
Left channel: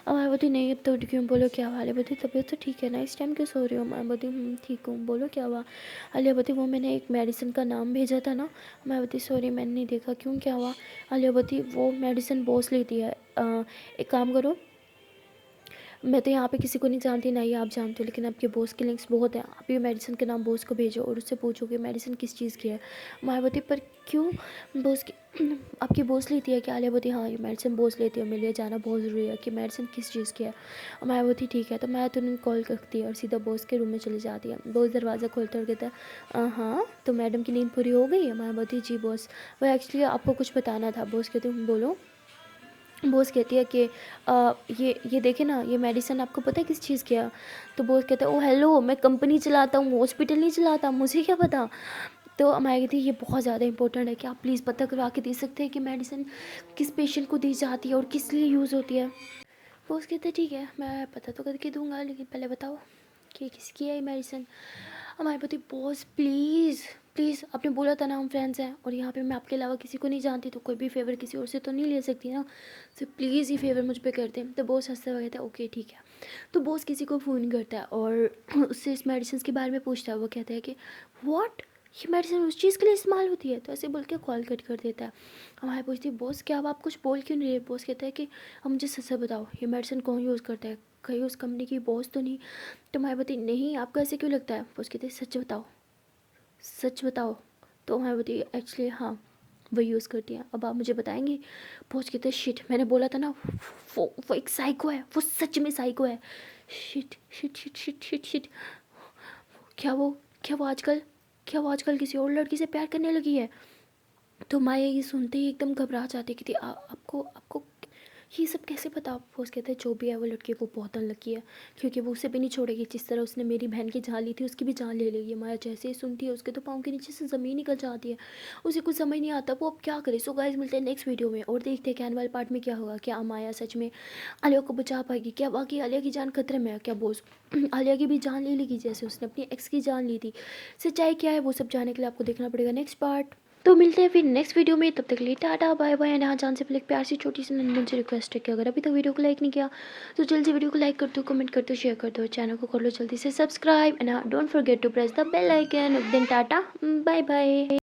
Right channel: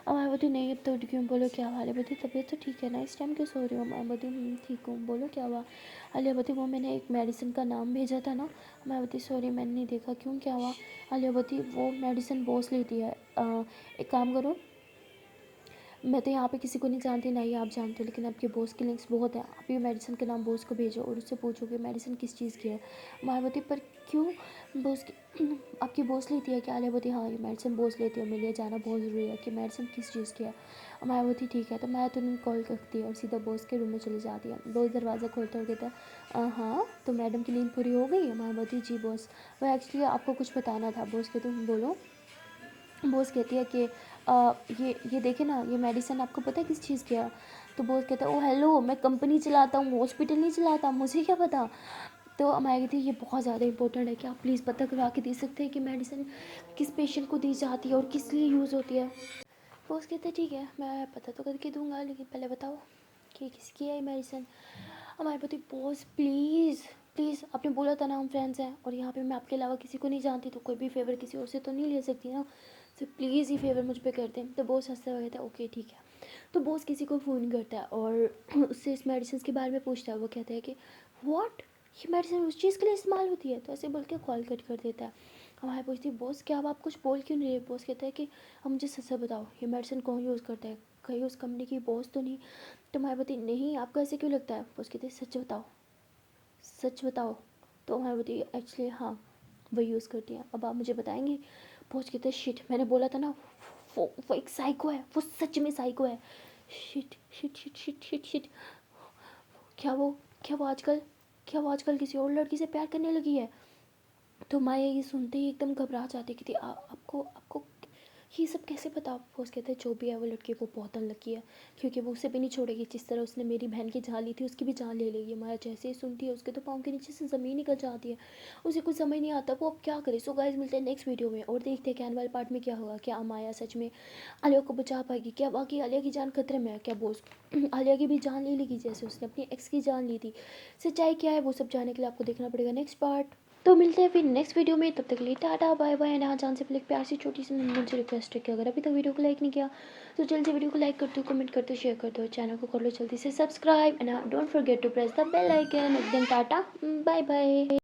माया बोलती नहीं अब तो उठ क्यों, बोलो क्या हुआ? अलिया बोलती तबीयत तो ठीक है ना, इस टाइम क्यों सो रही हो? माया बोलती ठीक हूँ, बोलो क्या हुआ? अलिया बोलती वो मैंने एक मेडिसिन का नाम भेजा था ना। माया बोलती सॉरी मैंने नहीं देखा, क्यों क्या हुआ? अलिया बोलती वो मेडिसिन बॉस लेती है, एक काम करो मैं तो यहाँ पे किसी को नहीं जानती, ना ही आप जानते हो, लेकिन आपके बॉस के लिंक्स बहुत हैं। आप ये मेडिसिन के नाम बॉस को भेजो और उससे पूछो कि मेडिसिन किस चीज़ की है। मायावती, पर क्यों? बॉस की आपकी बॉस लेती है क्या? आलियावती, हाँ ये मेडिसिन बॉस लेती है, मेरे लिए जाना बहुत ज़रूरी है कि मेडिसिन किस चीज़ की है। मायावती, ठीक है। तो मैं तो नहीं कॉल करती है और सीधा बॉस के रूम में चली जाती है। बॉस दरवाज़ा खोलता और कहता है हाँ तो मैडम की नींद पूरी हो गई है? मायावती, जी बॉस, वह एक्चुअली आपको कुछ बताना था। बॉस कहते हैं बोलो। बॉस कहती है कि ये देखिए ना, ये मेडिसिन आपको पता है किस चीज़ की है? तो बॉस कहता है ओ हेलो, मैं कंपनी चलाता हूँ, हॉस्पिटल नहीं चलाता, मुझे क्या पता। तो अमाया कहती है ये बहुत ज़्यादा इंपॉर्टेंट है, क्या आप प्लीज़ पता करवा के दे सकते हैं कि मेडिसिन किस पेशेंट को दी जाती है और किस लिए यूज़ होती है? बॉस कहते हैं ठीक है, मैं पता तो करके दूंगा, लेकिन पहले बताओ कि किसकी है ये मेडिसिन? हमारे पति, बॉस प्लीज़ प्लीज़, आपने बोला था ना हम फ्रेंड्स हैं और यहाँ पे मैं आपके अलावा किसी को नहीं जानती, तो कोई भी फेवर किसी और से तो नहीं ले सकती ना, तो प्लीज़ ये फेवर मुझ पे कर दें। तो बॉस हंसते हुए कहता है ओके ठीक है। तो बॉस किसी को फ़ोन करता है और उससे इस मेडिसिन के बारे में पूछता है। वो कहता है कि व्हाट, ये मेडिसिन उस चीज़ के लिए इस्तेमाल होती है? तो ऐसे बोल के कॉल कट कर देता है। हमारे पूछती है बॉस क्या अब आप कुछ बोल क्यों नहीं रहे? बॉस कहता है कि अब मुझे सच से बताओ, ये मेडिसिन कौन यूज़ करता है? कहीं उस कंपनी की बॉस तो नहीं? तो मायावती, नहीं आपको ऐसे क्यों लगता है? बॉस कहते हैं सच बताओ, सच बताओ। तो मायावती, एक्चुअली हाँ वो यूज़ करती हैं, अब आप मुझे बताएंगे? बॉस कहते हैं शिट, मैंने बोला था ना, वो एक साइको है, वो सच में साइको है। Shit shit shit shit shit shit. क्या वो क्या वो आजकल क्या वो आजकल किसी और लड़की से प्यार करने लगी है? तो माया ये सुनते ही एकदम घबरा जाती है कि आपको आपको ये सब कैसे पता? बॉस कहते हैं जो भी है वो लड़के को बहुत अनलकी है, क्योंकि वो उसे भी नहीं छोड़ेगी, जिस तरह उसने मेरी बहन की जान ली थी उसकी भी जान ले लेगी। माया जैसे ही सुनती है उसके तो पाँव के नीचे से ज़मीन निकल जाती है, उसे कुछ समझ नहीं आता वो अब क्या करे। सो गाइस मिलते हैं नेक्स्ट वीडियो में और देखते हैं कि आने वाले पार्ट में क्या होगा। क्या माया सच में आलिया को बचा पाएगी? क्या बाकी आलिया की जान खतरे में है? क्या बॉस आलिया की भी जान ले लेगी जैसे उसने अपनी एक्स की जान ली थी? सच्चाई क्या है वो सब जानने के लिए आपको देखना पड़ेगा नेक्स्ट पार्ट। तो मिलते हैं फिर नेक्स्ट वीडियो में, तब तक के लिए टाटा बाय बाय। एंड हाँ जान से पहले एक प्यार सी छोटी सी नंदन से रिक्वेस्ट है कि अगर अभी तक वीडियो को लाइक नहीं किया तो जल्दी से वीडियो को लाइक कर दो, कमेंट कर दो, शेयर कर दो, चैनल को कर लो जल्दी से subscribe and don't forget to press the bell icon. Then tata bye bye.